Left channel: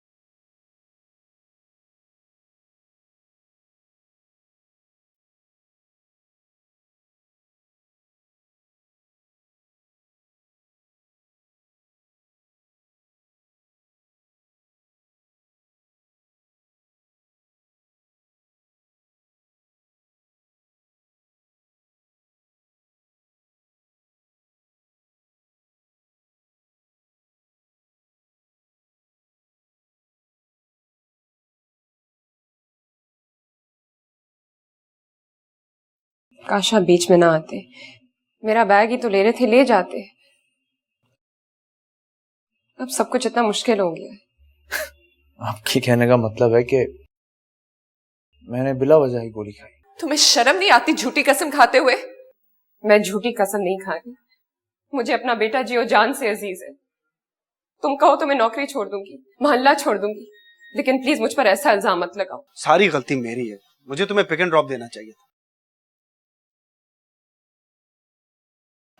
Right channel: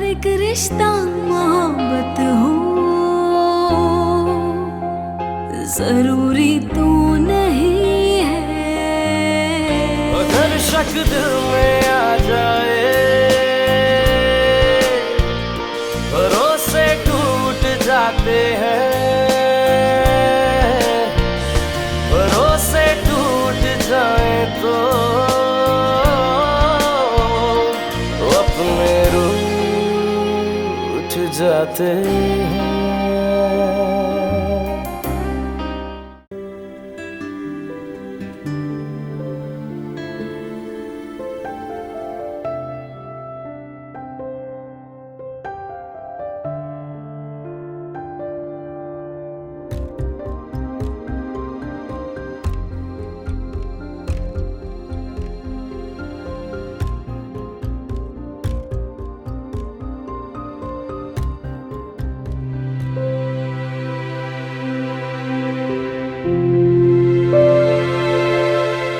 अगर एक रिश्ता मोहब्बत हो, जरूरी तो नहीं है। अगर शक दिल में आ जाए, भरोसे टूट जाते हैं, भरोसे टूट जाए तो अपने रूठ जाते हैं। काश आप बीच में ना आते, मेरा बैग ही तो ले रहे थे, ले जाते। अब सब कुछ इतना मुश्किल हो गया। आपके कहने का मतलब है कि मैंने बिला वजह ही गोली खाई? तुम्हें शर्म नहीं आती झूठी कसम खाते हुए? मैं झूठी कसम नहीं खाती, मुझे अपना बेटा जियो जान से अजीज है। तुम कहो तो मैं नौकरी छोड़ दूंगी, मोहल्ला छोड़ दूंगी, लेकिन प्लीज मुझ पर ऐसा इल्जाम मत लगाओ। सारी गलती मेरी है, मुझे तुम्हें पिक एंड ड्रॉप देना चाहिए।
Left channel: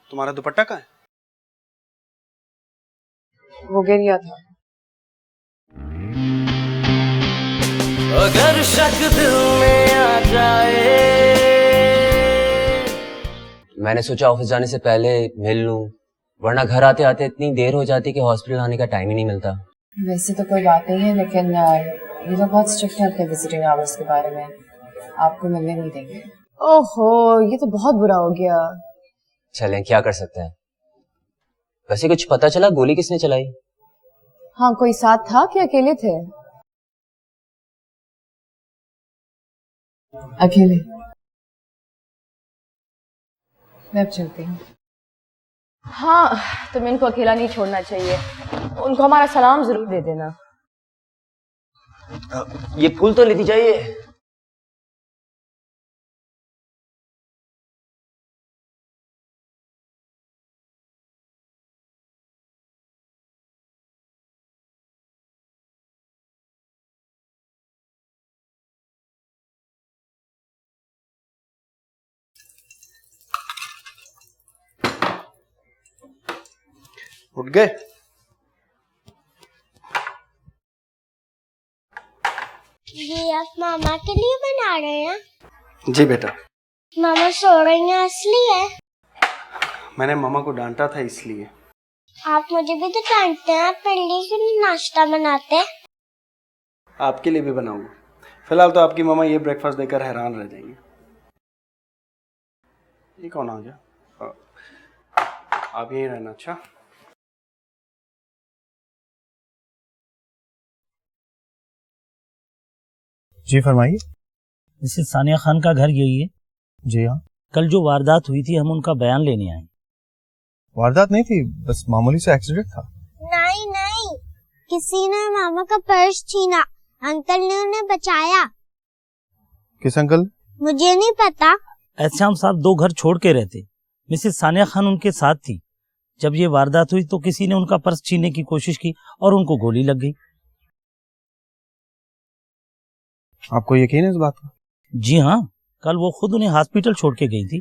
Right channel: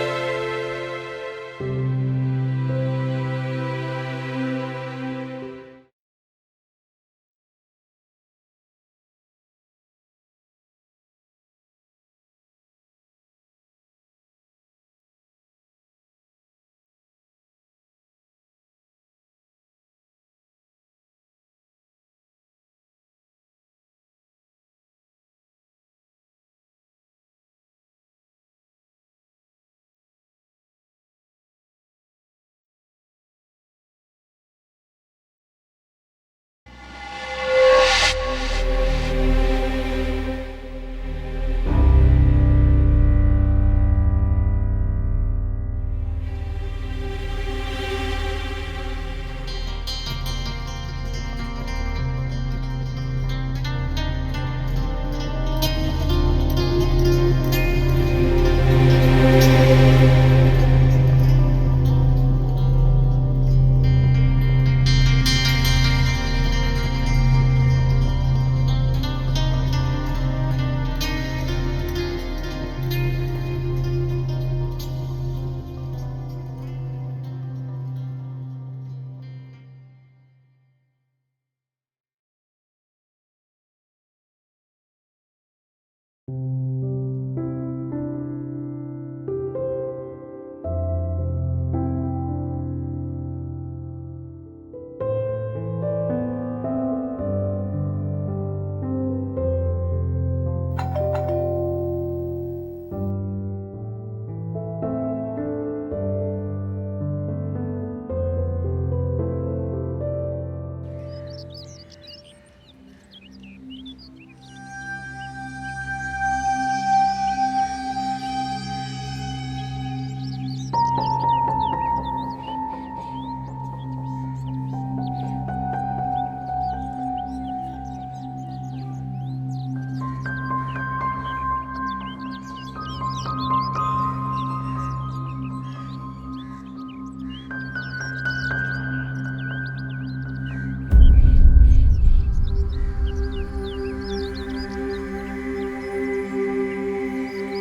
तुम्हारा दुपट्टा कहाँ है? वो गिर गया था। अगर शक दिल में आ जाए। मैंने सोचा ऑफिस जाने से पहले मिल लूं, वरना घर आते आते इतनी देर हो जाती कि हॉस्पिटल आने का टाइम ही नहीं मिलता। वैसे तो कोई बात नहीं है, लेकिन ये तो बहुत स्ट्रिक्ट है अपने विजिटिंग आवर्स के बारे में, आपको मिलने नहीं देंगे। ओहो, ये तो बहुत बुरा हो गया। चलें, क्या कर सकते हैं। वैसे कुछ पता चला गोली किसने चलाई? हाँ, कोई साथ था कि अकेले थे? अकेले। मैं अब चलती हूँ। हाँ, तुम्हें इनको अकेला नहीं छोड़ना चाहिए, उनको हमारा सलाम जरूर दे देना। ये फूल तो लेती जाइए। उठ गए? ये आप मामा के लिए बना रहे हैं? जी बेटा। मामा सो रही हैं इसलिए? मैंने मामा को डांटा था इसलिए। आप मुझे भी तो डांटते हैं, आप मेरे लिए क्यों नहीं नाश्ता बनाते? आपके लिए भी बनाऊंगा। फिलहाल तो आपकी मामा ये ब्रेकफास्ट देकर हैरान रह जाएंगी। ये कौन आ गया? आप यही रहना। अच्छा, जी फरमाइए। मिसेस सानिया खान का घर यही है? जी हाँ। कल जो वारदात हुई थी, हम उनका बयान लेने आए। वारदात नहीं थी, बस मामूली सा एक्सीडेंट था। नहीं नहीं, किसी ने मामा का पर्स छीना, अंकल ने उन्हें बचाया। किस अंकल? मुझे नहीं पता। एहसाम साहब 2 घर छोड़ के रहते, मिसेस सानिया खान उनके साथ थी। जब ये वारदात हुई तो किसी ने उनका पर्स छीनने की कोशिश की और उनको गोली लग गई। आपको यकीन है इस बात? जी हाँ, कल वो खुद उन्हें हॉस्पिटल छोड़ के गई थी।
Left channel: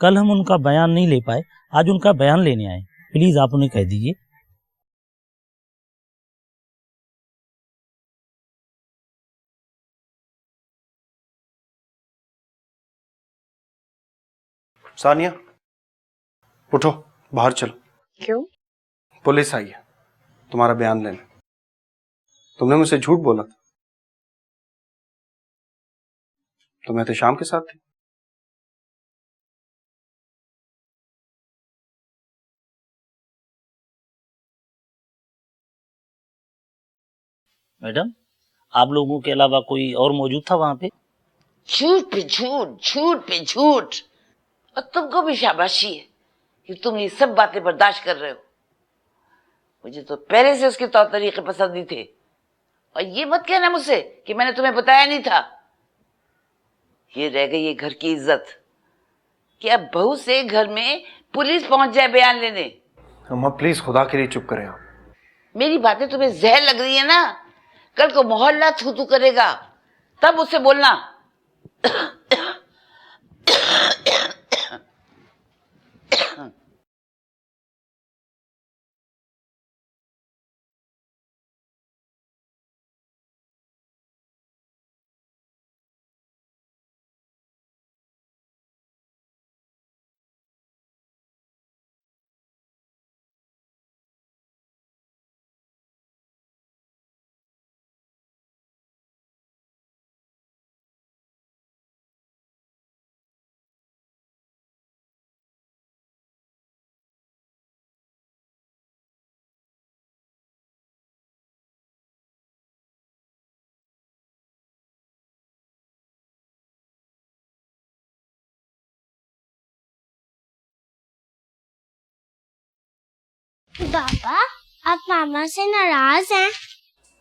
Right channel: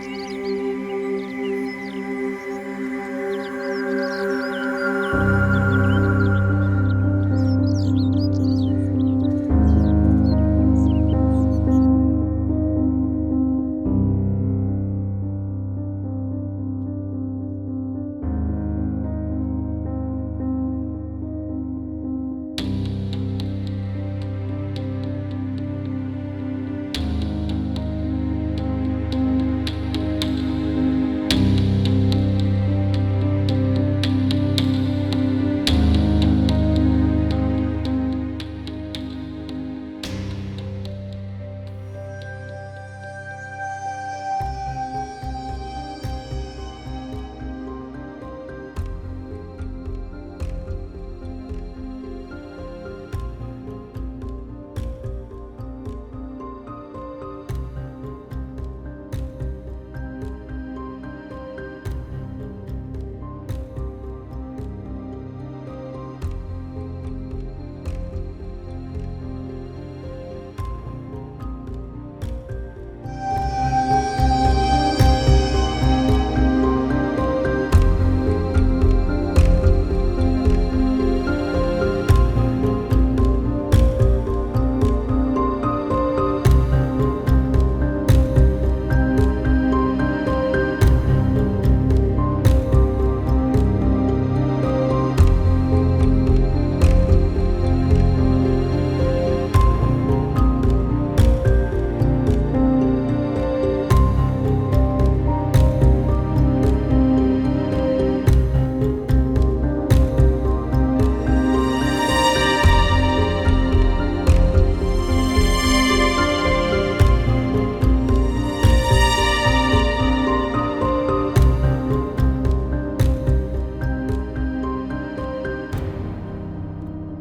कल हम उनका बयान नहीं ले पाए, आज उनका बयान लेने आए। प्लीज आप उन्हें कह दीजिए। सानिया उठो, बाहर चलो। क्यों? पुलिस आई है तुम्हारा बयान लेने। तुमने मुझसे झूठ बोला, तो मैं तो शाम के साथ था। मैडम, आप लोगों के अलावा कोई और मौजूद था वहाँ पे? झूठ पे झूठ, झूठ पे झूठ। और तुमको भी शाबाशी है कि तुम ये सब बातें बर्दाश्त कर रहे हो। मुझे तो पहले से उसके तौर तरीके पसंद नहीं थे। और ये मत कहना मुझसे कि मैंने तुम्हें बताया नहीं था। ये रह गई ये घर की इज्जत कि अब बहू से घर में पुलिस पहुंच जाए बयान लेने। अम्मा प्लीज खुदा के लिए चुप करें आप। मेरी बातें तुम्हें जहर लग रही है ना? कल को मोहल्ला थू थू करेगा, तब उससे बोलना।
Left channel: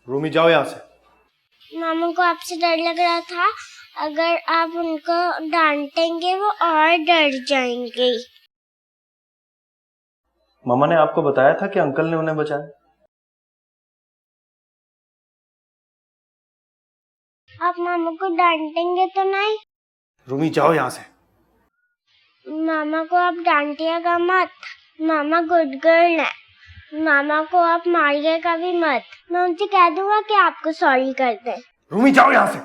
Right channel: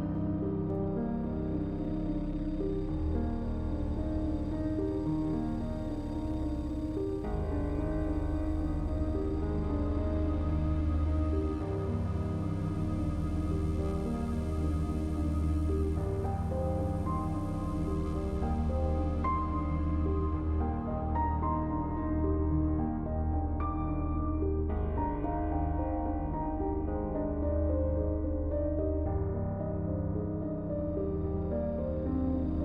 रूमी जाओ यहाँ से। मामा को आपसे डर लग रहा था, अगर आप उनको डांटेंगे वो और डर जाएंगे। मामा ने आपको बताया था कि अंकल ने उन्हें बचाया। आप मामा को डांटेंगे तो नहीं? रूमी जाओ यहाँ से। मामा को आप डांटिएगा मत, मामा गुड गर्ल है। मामा को आप मारिएगा भी मत, मैं उनसे कह दूंगा कि आपको सॉरी कर दें। रूमी जाओ यहाँ से।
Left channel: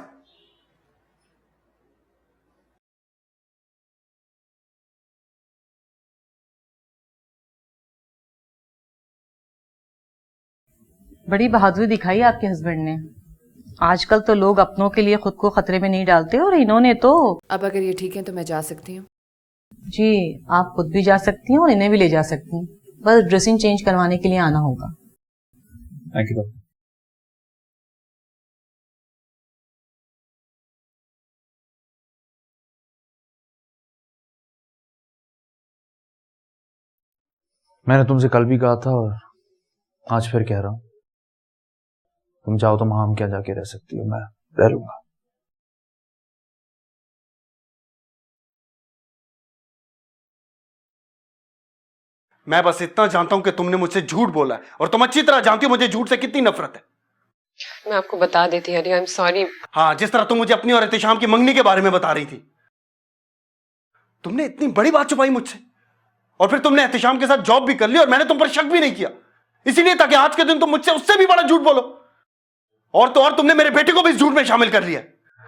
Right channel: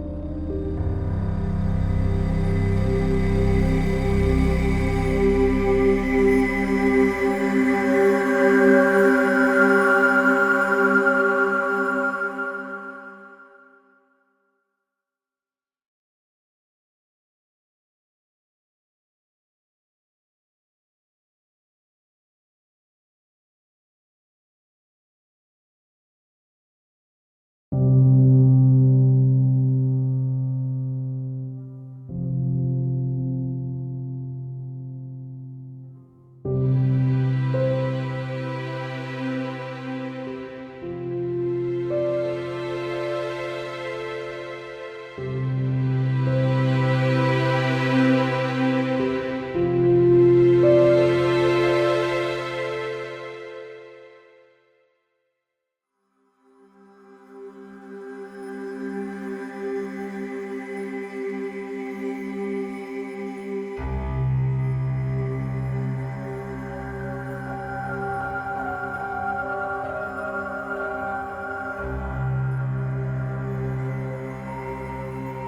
बड़ी बहादुरी दिखाई आपके हस्बैंड ने। आजकल तो लोग अपनों के लिए खुद को खतरे में नहीं डालते, और इन्होंने तो। अब अगर ये ठीक है तो मैं जा सकती हूँ? जी, आप खुद भी जा सकती हैं और इन्हें भी ले जा सकती हैं, बस ड्रेसिंग चेंज करवाने के लिए आना होगा। Thank you doctor. मैंने तुमसे कल भी कहा था और आज फिर कह रहा हूं, तुम चाहो तो वहां हम क्या जाके रह सकती हो, मैं रह लूंगा। मैं बस इतना जानता हूं कि तुमने मुझसे झूठ बोला है, और तुम अच्छी तरह जानती हो मुझे झूठ से कितनी नफरत है। मैं आपको बता देती अली, आई एम सॉरी। हाँ, जिस तरह तुम मुझे अपनी और एहतिशाम की मंगनी के बारे में बता रही थी। तुमने इतनी बड़ी बात छुपाई मुझसे, और फिर तुमने एहतिशाम के साथ जॉब भी कर ली और मैंने तुम पर शक भी नहीं किया, इसीलिए ताकि आज के दिन तुम मुझसे उससे भी बड़ा झूठ बोलो। और तो और तुमने मेरे बेटे को भी इस झूठ में शामिल कर लिया।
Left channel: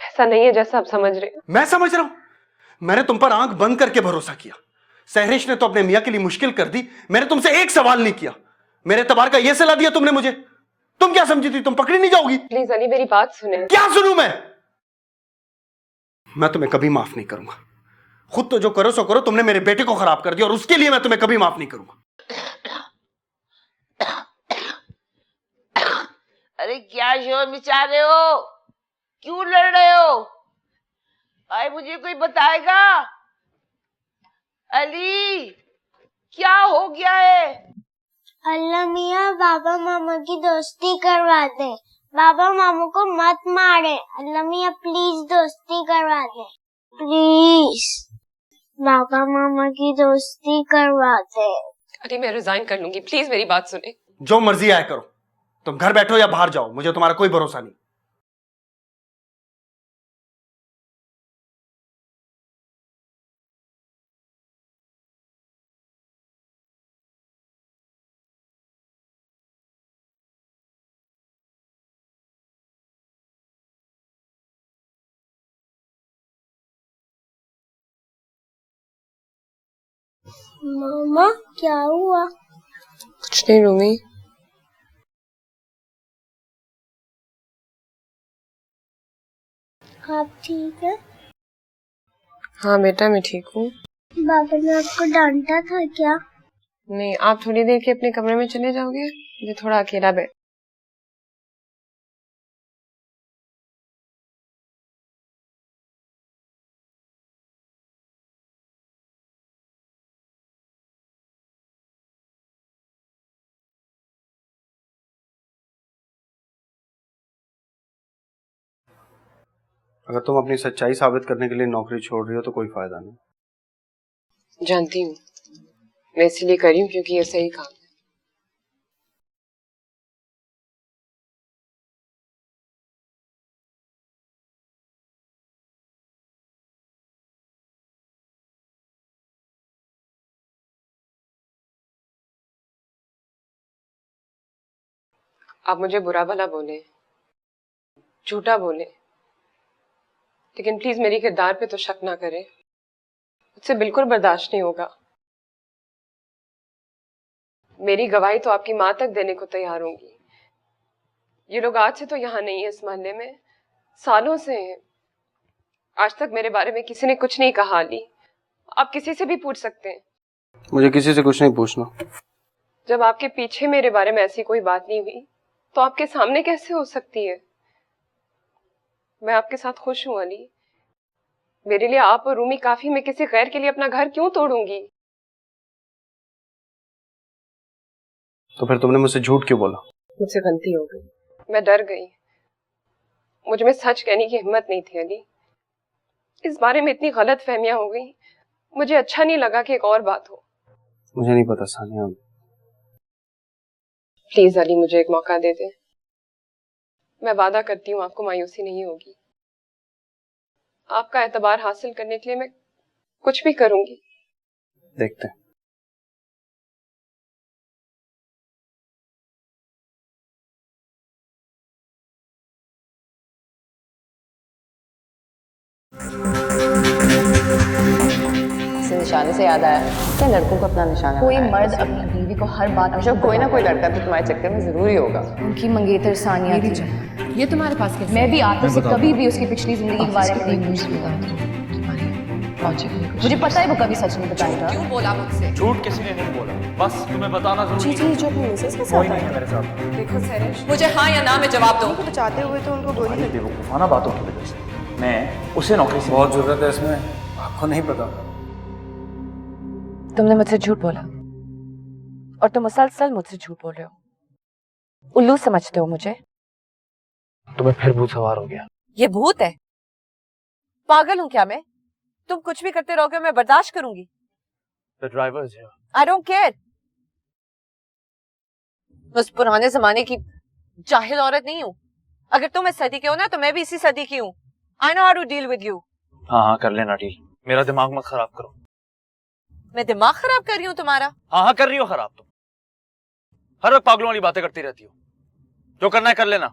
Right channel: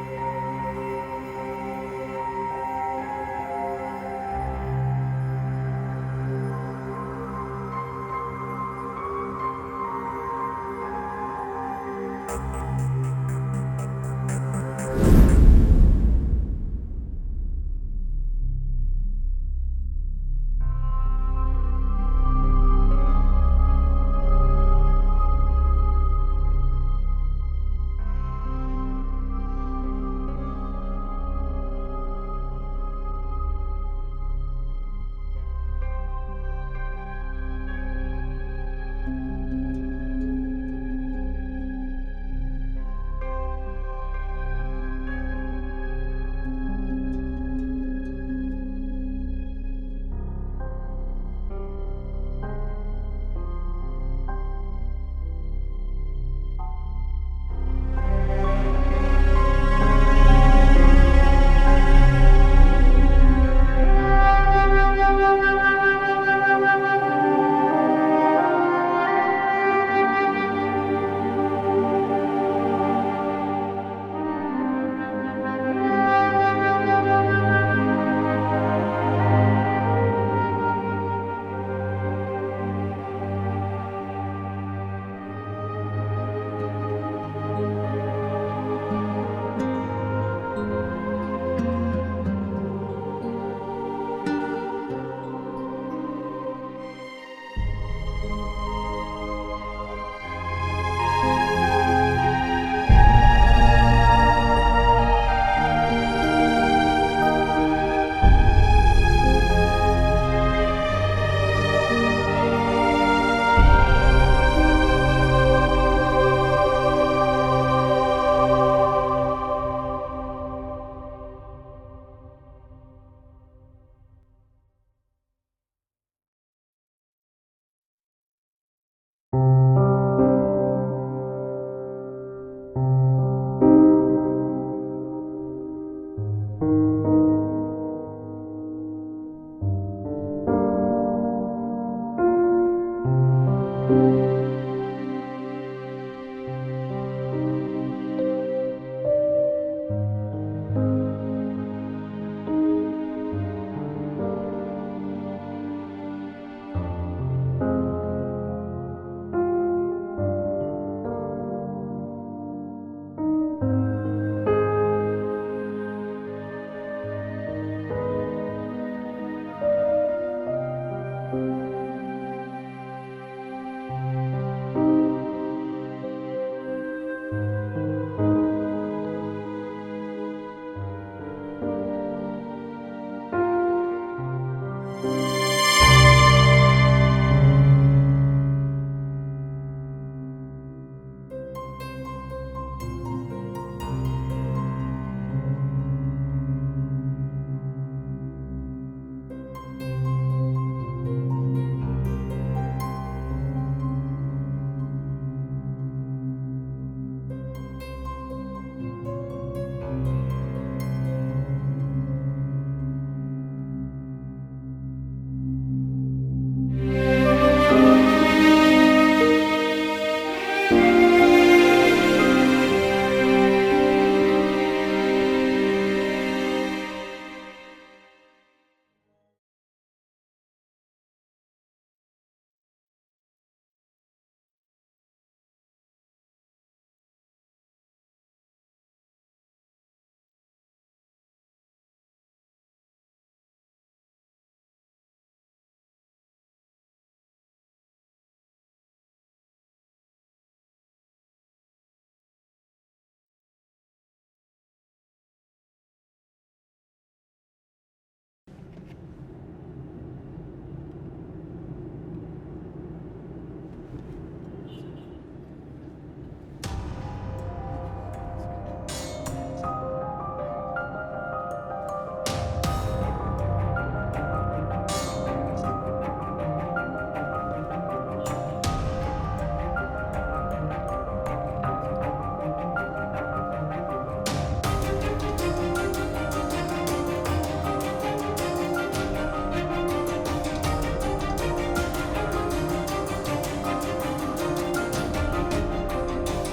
ऐसा नहीं है जैसा आप समझ रहे। मैं समझ रहा हूं, मैंने तुम पर आंख बंद करके भरोसा किया। सहरिश ने तो अपने मियां के लिए मुश्किल कर दी, मैंने तुमसे एक सवाल नहीं किया। मेरे एतबार का यह सलाह दिया तुमने मुझे। तुम क्या समझी थी तुम पकड़ी नहीं जाओगी? प्लीज अली मेरी बात सुने। क्या सुनूं मैं तुम्हें कभी माफ नहीं करूंगा। खुद तो जो करो सो करो, तुमने मेरे बेटे को खराब कर दिया और उसके लिए मैं तुम्हें कभी माफ नहीं करूंगा। अरे क्या शोर मचा रहे हो, क्यों लड़ रहे हो? भाई मुझे कोई बताएगा? अली क्या हो गया है? अल्लाह मियाँ बाबा मामा की दोस्ती करवा दे, बाबा मामा को मत मारे। अल्लाह मियाँ प्लीज दोस्ती करवा दे, प्लीज बाबा मामा की दोस्ती करवा दे। अरे मैं रिजाइन कर लूंगी, प्लीज मेरी बात सुने। जो मर्जी आए करो, तुम घर बैठो या बाहर जाओ, मुझे तुम्हारा कोई भरोसा नहीं। मामा क्या हुआ? कुछ नहीं रूमी। आप ठीक है? हाँ बेटा मैं ठीक हूँ। बाबा ने आपको डांटा था क्या? नहीं, आप थोड़ी देर के अपने कमरे में चले जाओगे, मुझे थोड़ा अकेला बैठ। अगर तुम अपनी सच्चाई साबित करने के लिए नौकरी छोड़ रही हो तो कोई फायदा नहीं। जानती हूँ, मैं इसीलिए कर रही हूँ क्योंकि ये सही काम है। आप मुझे बुरा भला बोले, झूठा बोले, लेकिन प्लीज मेरी किरदार पे तो शक ना करें, इससे बिल्कुल बर्दाश्त नहीं होगा। मेरी गवाही तो आपकी माँ तक देने को तैयार होंगी। ये लोग आज से तो यहाँ नहीं है, इस मोहल्ले में सालों से। आज तक मेरे बारे में किसी ने कुछ नहीं कहा। अली, आप किसी से भी पूछ सकते हैं। मुझे किसी से कुछ नहीं पूछना। जब आपके पीछे मेरे बारे में ऐसी कोई बात नहीं हुई तो आपके सामने कैसे हो सकती है? मैं आपके साथ खुश हूँ अली। मेरे लिए आप और रूमी काफी। मैं किसी गैर के लिए अपना घर क्यों तोड़ूंगी? तो फिर तुमने मुझसे झूठ क्यों बोला? मुझसे गलती हो गई। मैं डर गई। मुझ में सच कहने की हिम्मत नहीं थी अली। इस बारे में इतनी गलत फहमियां हो गई, मुझे अच्छा नहीं लगा कि एक और बात हो। मुझे नहीं पता सानिया। प्लीज अली, मुझे एक मौका दे दे। मैं वादा करती हूँ आपको मायूसी नहीं होगी। आपका एतबार हासिल करने के लिए मैं कुछ भी करूंगी। देखते हैं। निशाने से याद आया, क्या लड़कों को अपना निशाना कोई मर्द अपनी बीवी को हर बात में कोई ना कोई लड़का तो तुम्हारे चक्कर में जरूरी होगा। उनकी मंगेतर सानिया थी। ये तुम्हारे पास कैसे? मैं भी आतिफ से कभी भी उसकी पिछली जिंदगी के बारे में नहीं पूछती। मुझे पता है वो कभी सच नहीं बताएगा। क्यों बोला मुझसे? झूठ किसी ने नहीं बोला, बस तुम्हें बताना जरूरी है। जी जो अपनी मिसेस के साथ कोई नहीं है मेरे साथ। देखो सहरिश, मुझे हाँ या ना में जवाब दो। बचाते हुए तो उनको गोली लगी। बेवकूफाना बातों की वजह से मैं उसे नौकरी से बहुत जरूरत है इसमें, आपको नहीं पता। तुमने मुझसे झूठ बोला और तुम मुसलसल मुझसे झूठ बोल रहे हो। उल्लू समझते हो मुझे? तुम्हें फिर भूत सवार हो गया। ये भूत है? पागल हूँ क्या मैं? तुम कुछ भी करते रहोगे मैं बर्दाश्त करूंगी। I don't care. उस पुराने जमाने की जाहिल औरत नहीं हूँ। अगर तुम इस सदी के हो ना तो मैं भी इसी सदी की हूँ। I know how to deal with you. हाँ कर लेना डील। मेरा दिमाग मत खराब कर। मैं दिमाग खराब कर रही हूँ तुम्हारा? हाँ कर रही हो खराब। हर वक्त पागलों वाली बातें करती रहती। जो करना है कर लेना।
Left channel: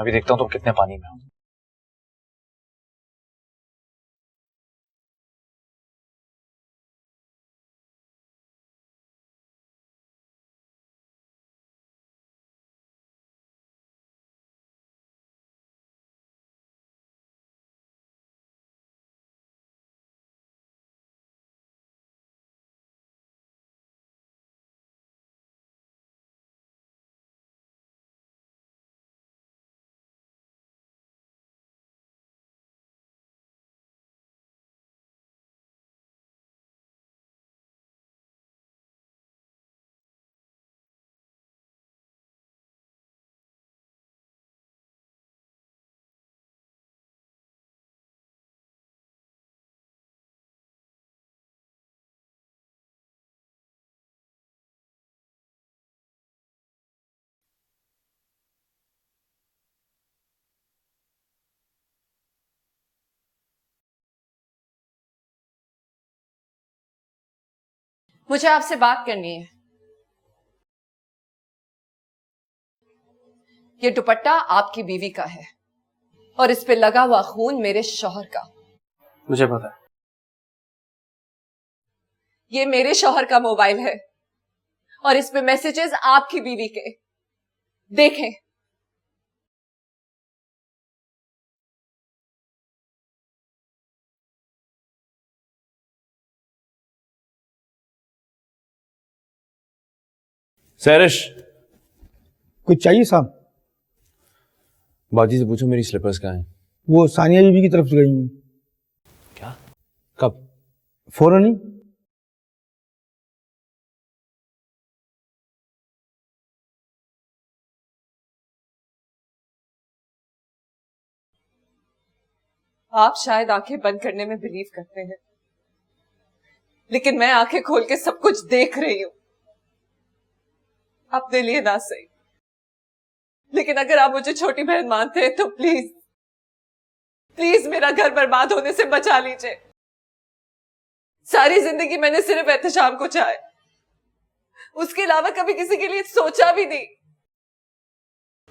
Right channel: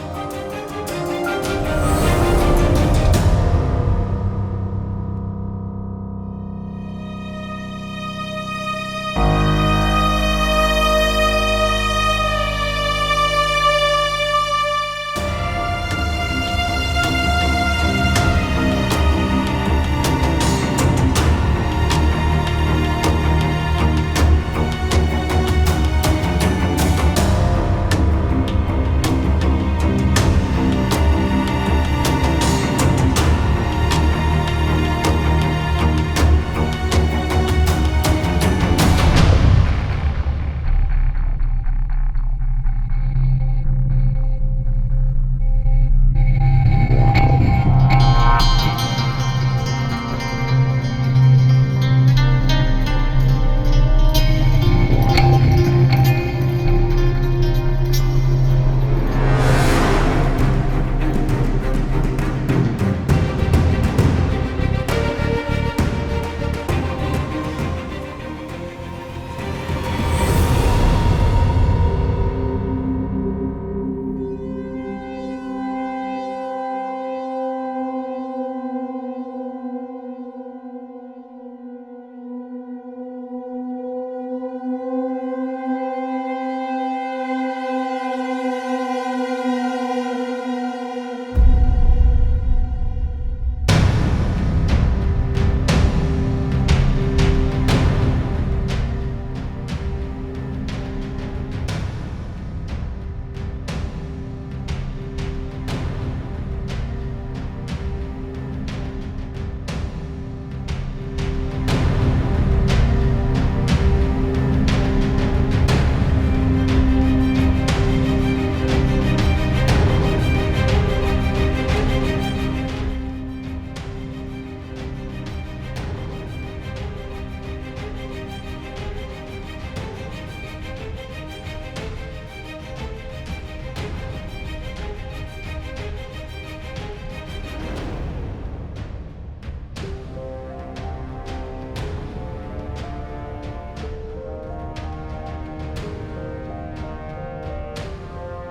अभी देखता हूँ तुम कितने पाले। मुझे आपसे बात करनी है। ये दुपट्टा आपकी बीवी का है और इस पे लगा हुआ खून मेरे शौहर का। मुझे पता है। ये मेरे शौहर का मोबाइल है और इसमें मैसेजेस आपकी बीवी के। देखें। सहरिश कुछ चाहिए साहब? बाजी से पूछो मेरी स्लीपर्स कहाँ हैं? वो सानिया बीबी की तरफ से गई हैं। कब? फौरन ही। आप शायद आंखें बंद करने में बिलीव करते हैं, लेकिन मैं आंखें खोल के सब कुछ देख रही हूँ। अपने लिए ना सही, लेकिन अगर आप मुझे छोटी बहन मानते हैं तो प्लीज प्लीज मेरा घर बर्बाद होने से बचा लीजिए। सारी जिंदगी मैंने सिर्फ एहतशाम को चाहा, उसके अलावा कभी किसी के लिए सोचा भी नहीं।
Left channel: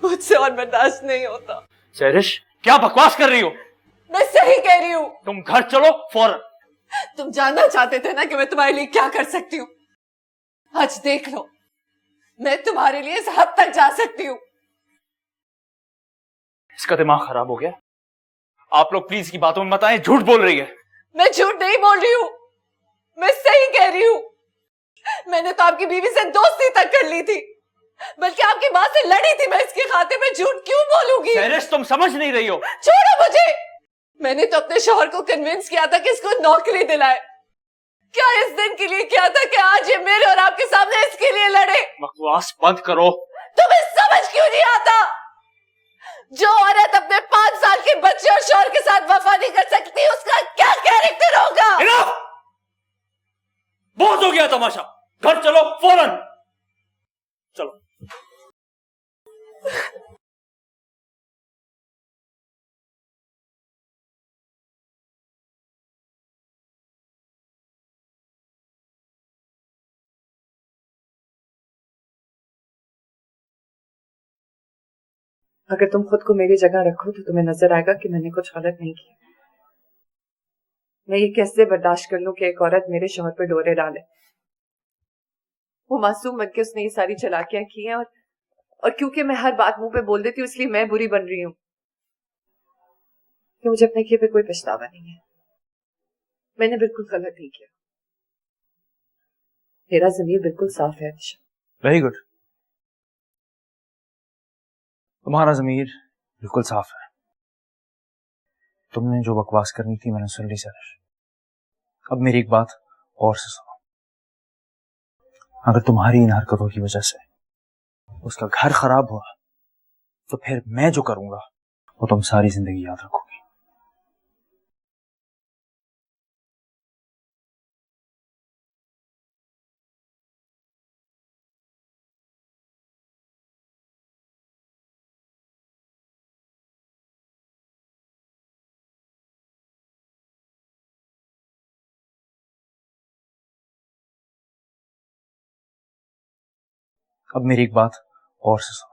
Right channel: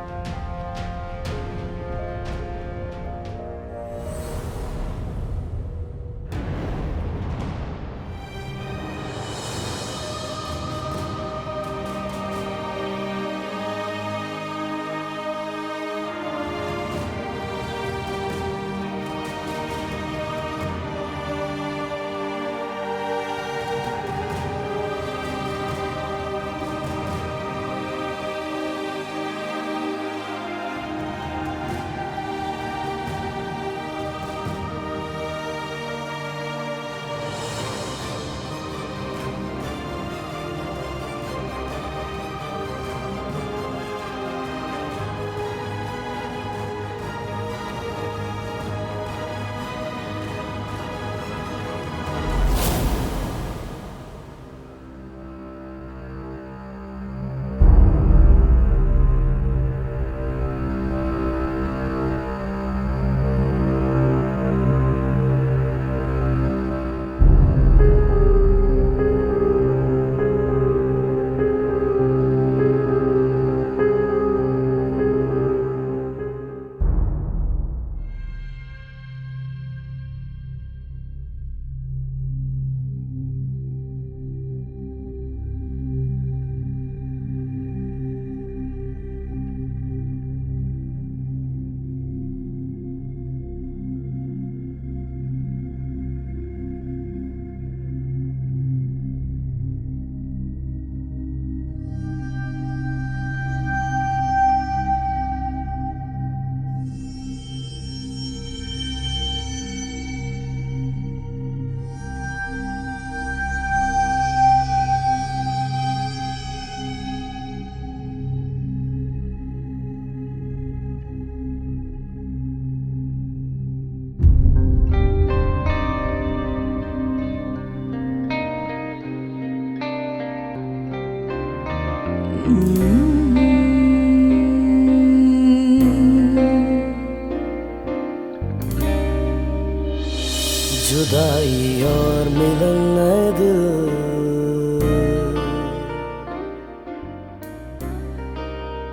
मुझसे और बर्दाश्त नहीं होता। सहरिश क्या बकवास कर रही हो? मैं सही कह रही हूँ। तुम घर चलो फौरन। तुम जानना चाहते थे ना कि मैं तुम्हारे लिए क्या कर सकती हूँ। आज देख लो, मैं तुम्हारे लिए इस हद तक जा सकती हूँ। इसका दिमाग खराब हो गया। आप लोग प्लीज की बातों में मत आए, झूठ बोल रही है। मैं झूठ नहीं बोल रही हूँ, मैं सही कह रही हूँ। मैंने तो आपकी बीवी से दोस्ती तक कर ली थी, बल्कि आपकी माँ से लड़ी थी। मैं इसके खाते में झूठ क्यों बोलूंगी? सहरिश तुम समझ नहीं रही हो। छोड़ो मुझे। मैंने तो अपने शौहर को कन्विंस किया था कि इसको नौकरी दिलाए। क्या इस दिन के लिए किया था कि आज ये मेरे और आपके सामने इसके लिए लड़े? बकवास बंद करो। क्यों नहीं आता? जो औरत अपने 5 साल के बच्चे और शौहर के साथ वफा नहीं कर सकती, उसका क्या कैरेक्टर होगा? बहुत हो गया तमाशा, घर चलो फौरन। चलो। अगर तुम खुद को मेरी जगह रखो तो तुम्हें नजर आएगा कि मैंने कुछ गलत नहीं किया। मैं ये कैसे बर्दाश्त कर लूं कि एक औरत मेरे शौहर पे डोरे डाले? वो मासूम बन के उसने ये सारी चालाकियां की हैं और क्योंकि मैं हर बात मुंह पे बोल देती हूँ इसलिए मैं बुरी बन रही हूँ कि मुझे अपने किए पे कोई पछतावा नहीं है। मैंने बिल्कुल गलत नहीं किया। मेरा ज़मीर बिल्कुल साफ है। वेरी गुड, तुम्हारा ज़मीर बिल्कुल साफ है। तुमने जो बकवास करनी थी मैंने सुन ली सैरिश। अब मेरी एक बात और सुनो, अगर तुम्हारी इन हरकतों की वजह से उसका घर खराब हुआ तो फिर मैं जो करूंगा वो तुम सारी जिंदगी याद रखोगी। जुदाई और मिलन है दिल। अब मेरी एक बात और सुनो,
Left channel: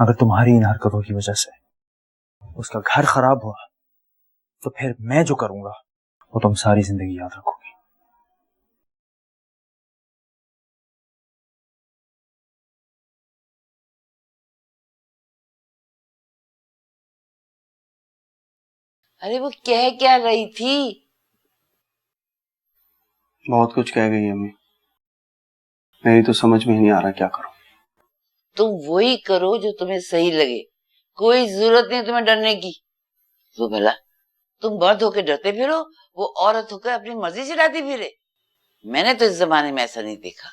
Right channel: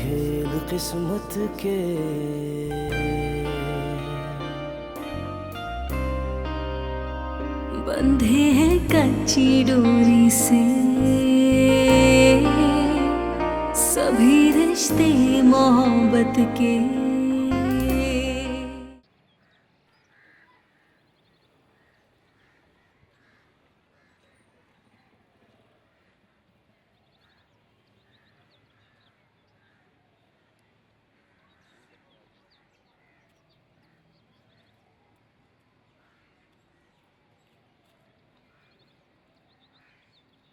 अगर तुम्हारी इन हरकतों की वजह से उसका घर खराब हो तो फिर मैं जो करूंगा वो तुम सारी जिंदगी याद रखोगी। बंधे हैं कच्ची डोरी से सभी रिश्ते मोहब्बत के। अरे वो कह क्या रही थी? बहुत कुछ कह गई अम्मी, मेरी तो समझ में ही नहीं आ रहा क्या करूं। तुम वही करो जो तुम्हें सही लगे, कोई जरूरत नहीं तुम्हें डरने की। वो भला तुम मर्द होकर डरते फिरो, वो औरत होकर अपनी मर्जी चलाती फिरे। मैंने तो इस जमाने में ऐसा नहीं देखा।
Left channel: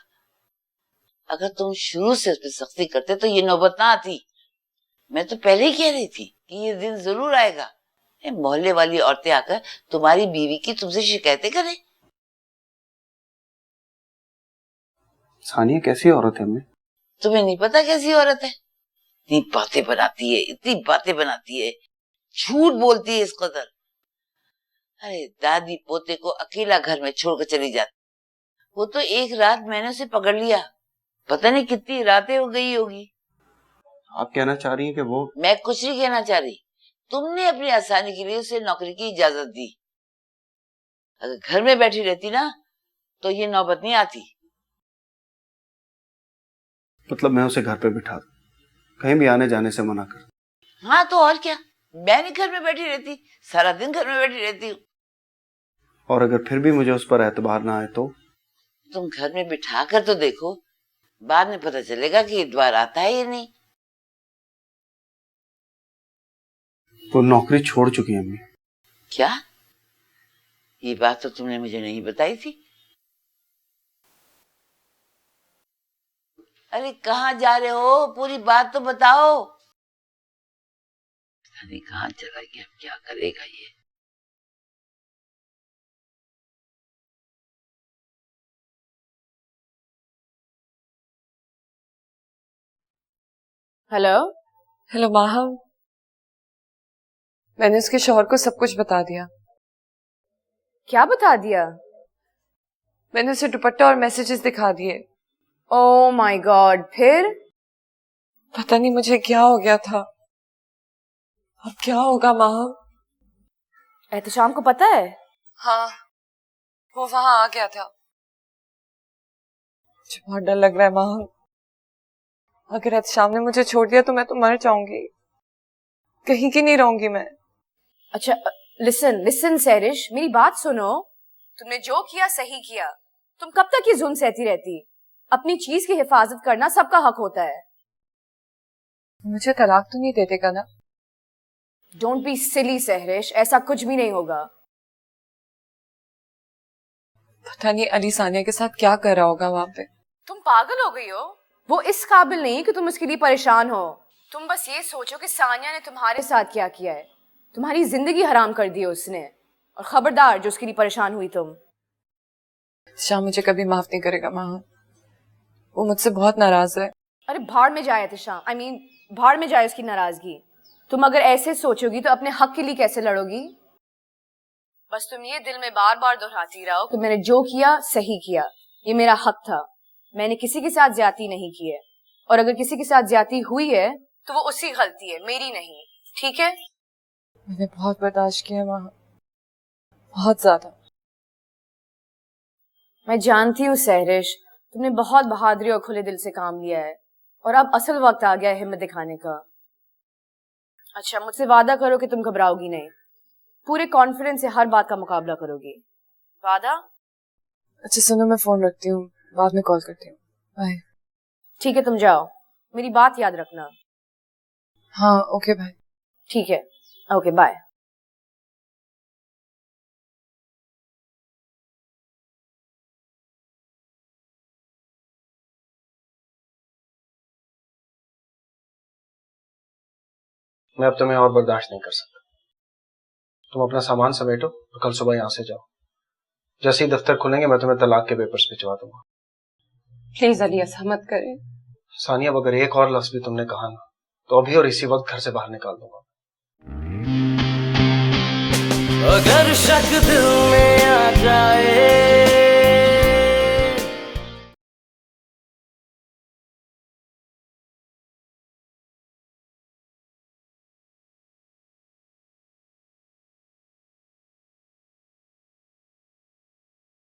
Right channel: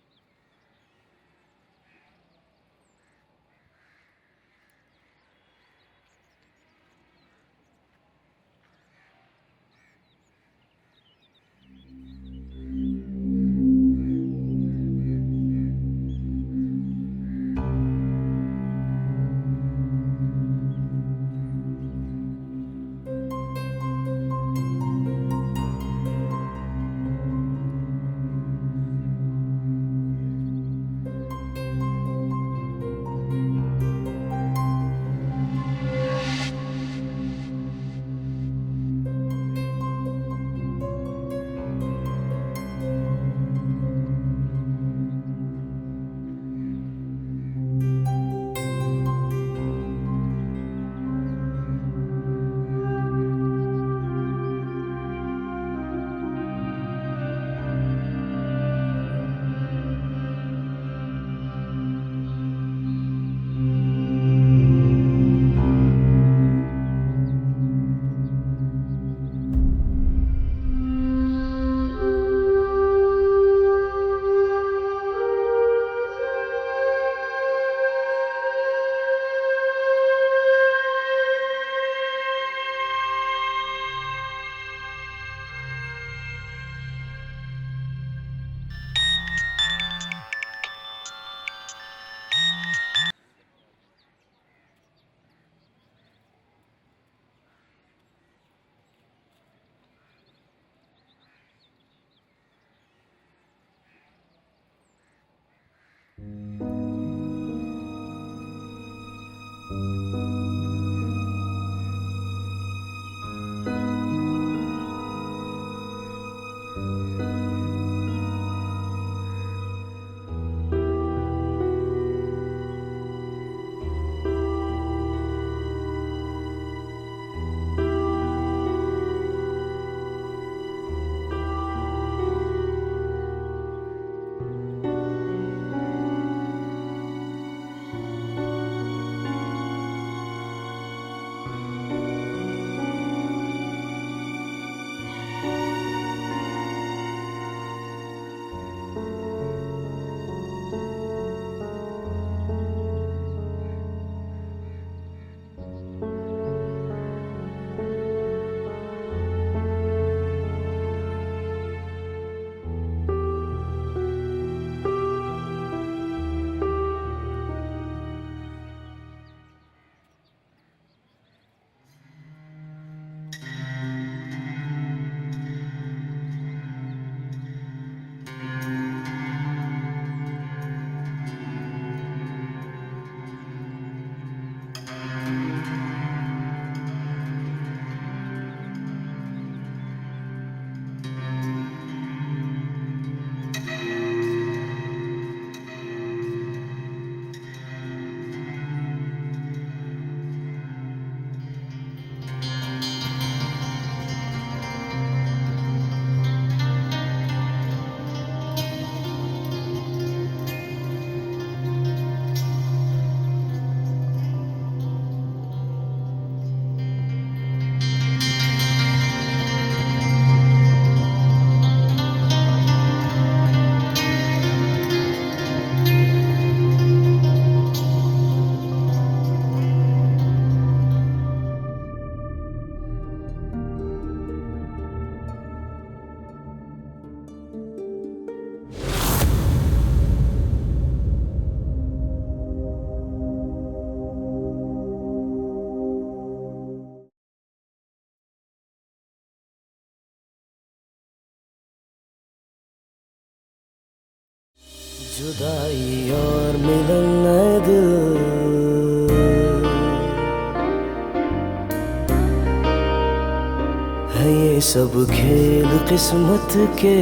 अगर तुम शुरू से उस पर सख्ती करते तो ये नौबत ना आती। मैं तो पहले ही कह रही थी कि ये दिन जरूर आएगा, मोहल्ले वाली औरतें आकर तुम्हारी बीवी की तुमसे शिकायतें करें। सानिया कैसी औरत है अम्मी? तुम्हें नहीं पता कैसी औरत है? इतनी बातें बनाती है, इतनी बातें बनाती है, झूठ बोलती है इस कदर। अरे दादी पोते को अकेला घर में छोड़कर चली जाती। वो तो एक रात मैंने उसे पकड़ लिया, पता नहीं कितनी रातें हो गई होगी। आप कहना चाह रही हैं कि वो? मैं कुछ नहीं कहना चाह रही, तुमने अपनी आसानी के लिए उसे नौकरी की इजाजत दी। अगर घर में बैठी रहती ना तो ये नौबत नहीं आती। मतलब मैं उसे घर पे बिठा दूं, कहीं भी आने जाने से मना कर? हाँ तो और क्या, मैं नहीं घर में बैठी रहती, सारा दिन घर में बैठी रहती हूँ। और अगर फिर भी मुझे उस पर एतबार ना आए तो? तुम घर में बिठा कर तो देखो, बाद में पता चलेगा कि एतबार आता है या नहीं। वो नौकरी छोड़ चुकी है अम्मी। क्या? ये बात तो तुमने मुझे नहीं बताई थी। अरे कहाँ जा रहे हो, पूरी बात तो बताओ। कहाँ चला गया, क्या करेगा ये? हेलो हेलो माहम, मैंने उसके शौहर को सब कुछ बता दिया। क्या बता दिया? मैंने उसे दुपट्टा और मैसेजेस दिखा दिए। ओह माय गॉड, फिर? पता नहीं मुझे क्या हो गया था, अब क्या होगा माहम? एहतशाम को पता है? हाँ, वो वहां आ गया था। मुझे बहुत डर लग रहा है माहम, अगर एहतशाम ने मुझे छोड़ दिया तो मैं तो मर जाऊंगी, कहीं की नहीं रहूंगी मैं। अच्छा लिसन लिसन सैरिश, मेरी बात सुनो। तुमने जो किया सही किया। तुम कब तक ये जुल्म सहती रहती? अपनी चीज की हिफाजत करना सबका हक होता है। मुझे तलाक तो नहीं दे देगा ना? डोंट बी सिली सहरिश, ऐसा कुछ भी नहीं होगा। पता नहीं अली सानिया के साथ क्या कर रहा होगा वहां पे। तुम पागल हो गई हो? वो इस काबिल नहीं कि तुम उसके लिए परेशान हो। तुम बस ये सोचो कि सानिया ने तुम्हारे साथ क्या किया है। तुम्हारी जिंदगी हराम कर दी है उसने। और खबरदार जो उसके लिए परेशान हुई तुम। शाम मुझे कभी माफ नहीं करेगा माँ, वो मुझसे बहुत नाराज है। अरे भाड़ में जाए शाम, भाड़ में जाए उसकी नाराजगी। तुम अगर ऐसे सोचोगी तो अपने हक के लिए कैसे लड़ोगी? बस तुम ये दिल में बार बार दोहराती रहो कि मैंने जो किया सही किया, ये मेरा हक था, मैंने किसी के साथ ज्यादती नहीं की है। और अगर किसी के साथ ज्यादती हुई है तो वो उसकी गलती है, मेरी नहीं। ठीक है? मैंने बहुत बर्दाश्त किया माँ, बहुत ज्यादा। मैं जानती हूँ सहरिश, तुमने बहुत बहादुरी और खुले दिल से काम लिया है और अब असल वक्त आ गया है हिम्मत दिखाने का। अच्छा, मुझसे वादा करो कि तुम घबराओगी नहीं, पूरे कॉन्फिडेंस से हर बात का मुकाबला करोगी। वादा? अच्छा सुनो, मैं फोन रखती हूँ, बाद में कॉल करती हूँ। बाय। ठीक है, तुम जाओ, मेरी बात याद रखना। हाँ ओके बाय। ठीक है, ओके बाय। मैं अब तुम्हें और बर्दाश्त नहीं कर सकता। तुम अपना सामान समेटो, कल सुबह यहाँ से जाओ। जैसे ही दफ्तर खुलेंगे मैं तुम्हें तलाक के पेपर्स भिजवा दूंगा। प्लीज अली ऐसा मत करें। सानिया, अगर एक और लफ्ज भी तुमने कहा ना तो अभी और इसी वक्त घर से बाहर निकाल दूंगा। अगर शक दिल में आ जाए, जुदाई और मिलन नए दिल, है ये सब खेल किस्मत के।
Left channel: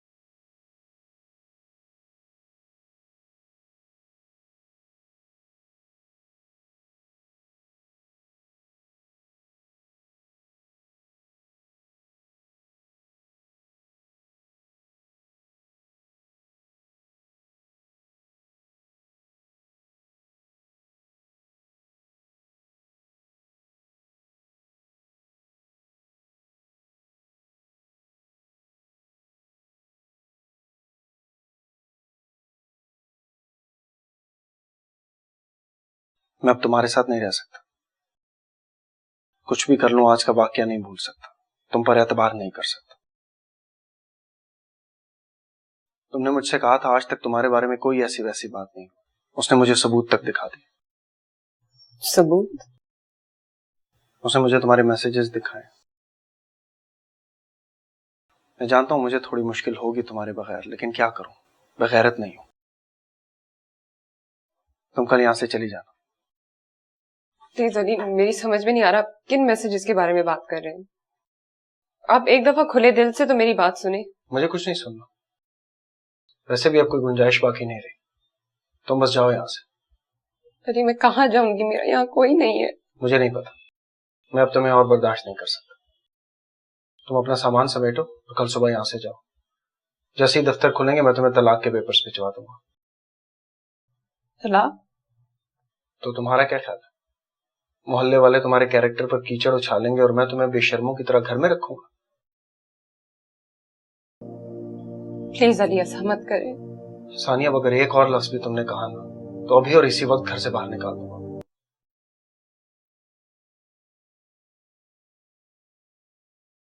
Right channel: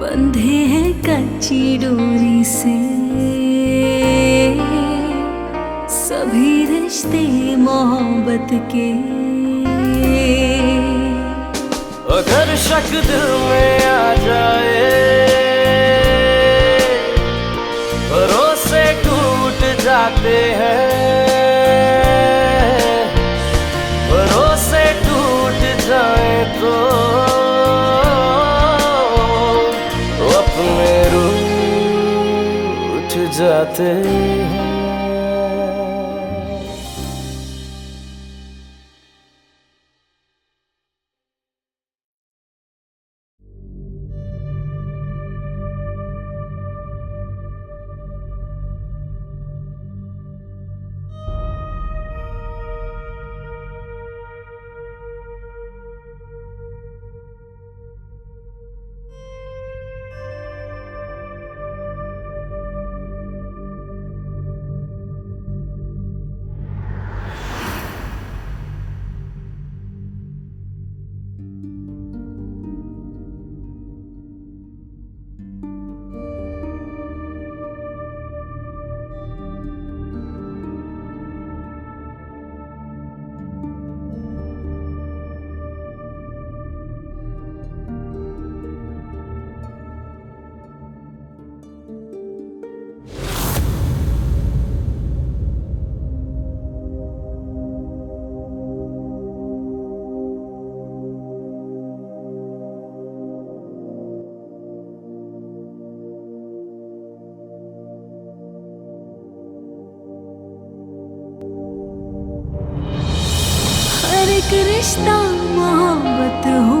बंधे हैं कच्ची डोरी से सभी रिश्ते मोहब्बत के। अगर शक दिल में आ जाए, भरोसे टूट जाते हैं, भरोसे टूट जाए तो अपने रूठ जाते हैं। मैं अब तुम्हारे साथ नहीं रह सकता। कुछ भी कर लूं, आज का वाकया नहीं भूल सकता, तुम पर एतबार नहीं कर सकता। तुमने मुझसे कहा था आज तक तुम्हारे बारे में कोई ऐसी वैसी बात नहीं, उसने मुझे सबूत तक दिखा दिए। सबूत? उसने मुझे तुम्हारे मैसेजेस दिखाए। मैं जानता हूं मुझे थोड़ी मुश्किल होगी तुम्हारे बगैर, लेकिन क्या करूं, बगैरत नहीं हूं। तुम कल यहां से चली जाना। अली, मेरी समझ में नहीं आ रहा किन मैसेजेस के बारे में बात कर रहे हैं आप। एक दफा खुले दिल से तो मेरी बात सुने। मुझे कुछ नहीं सुनना, वैसे भी अब कोई गुंजाइश बाकी नहीं रही। तुम बस जाओ यहाँ से। अली मैं कहाँ जाऊंगी, मेरा यहाँ कोई नहीं है। मुझे नहीं पता, मैं अब तुम्हें और बर्दाश्त नहीं कर सकता। तुम अपना सामान समेटो, कल सुबह यहाँ से जाओ। जैसे ही दफ्तर खुलेंगे मैं तुम्हें तलाक के पेपर्स भिजवा दूंगा। तलाक? तो तुम्हारा क्या ख्याल है? मोहल्ले वाले तुम्हारे कैरेक्टर पर कीचड़ उछालेंगे और मैं तुम्हें बेशर्मों की तरह घर में रखूंगा? प्लीज अली ऐसा मत करें। सानिया, अगर एक और लफ्ज भी तुमने कहा ना तो अभी और इसी वक्त घर से बाहर निकाल दूंगा। हर एक रिश्ता मोहब्बत हो,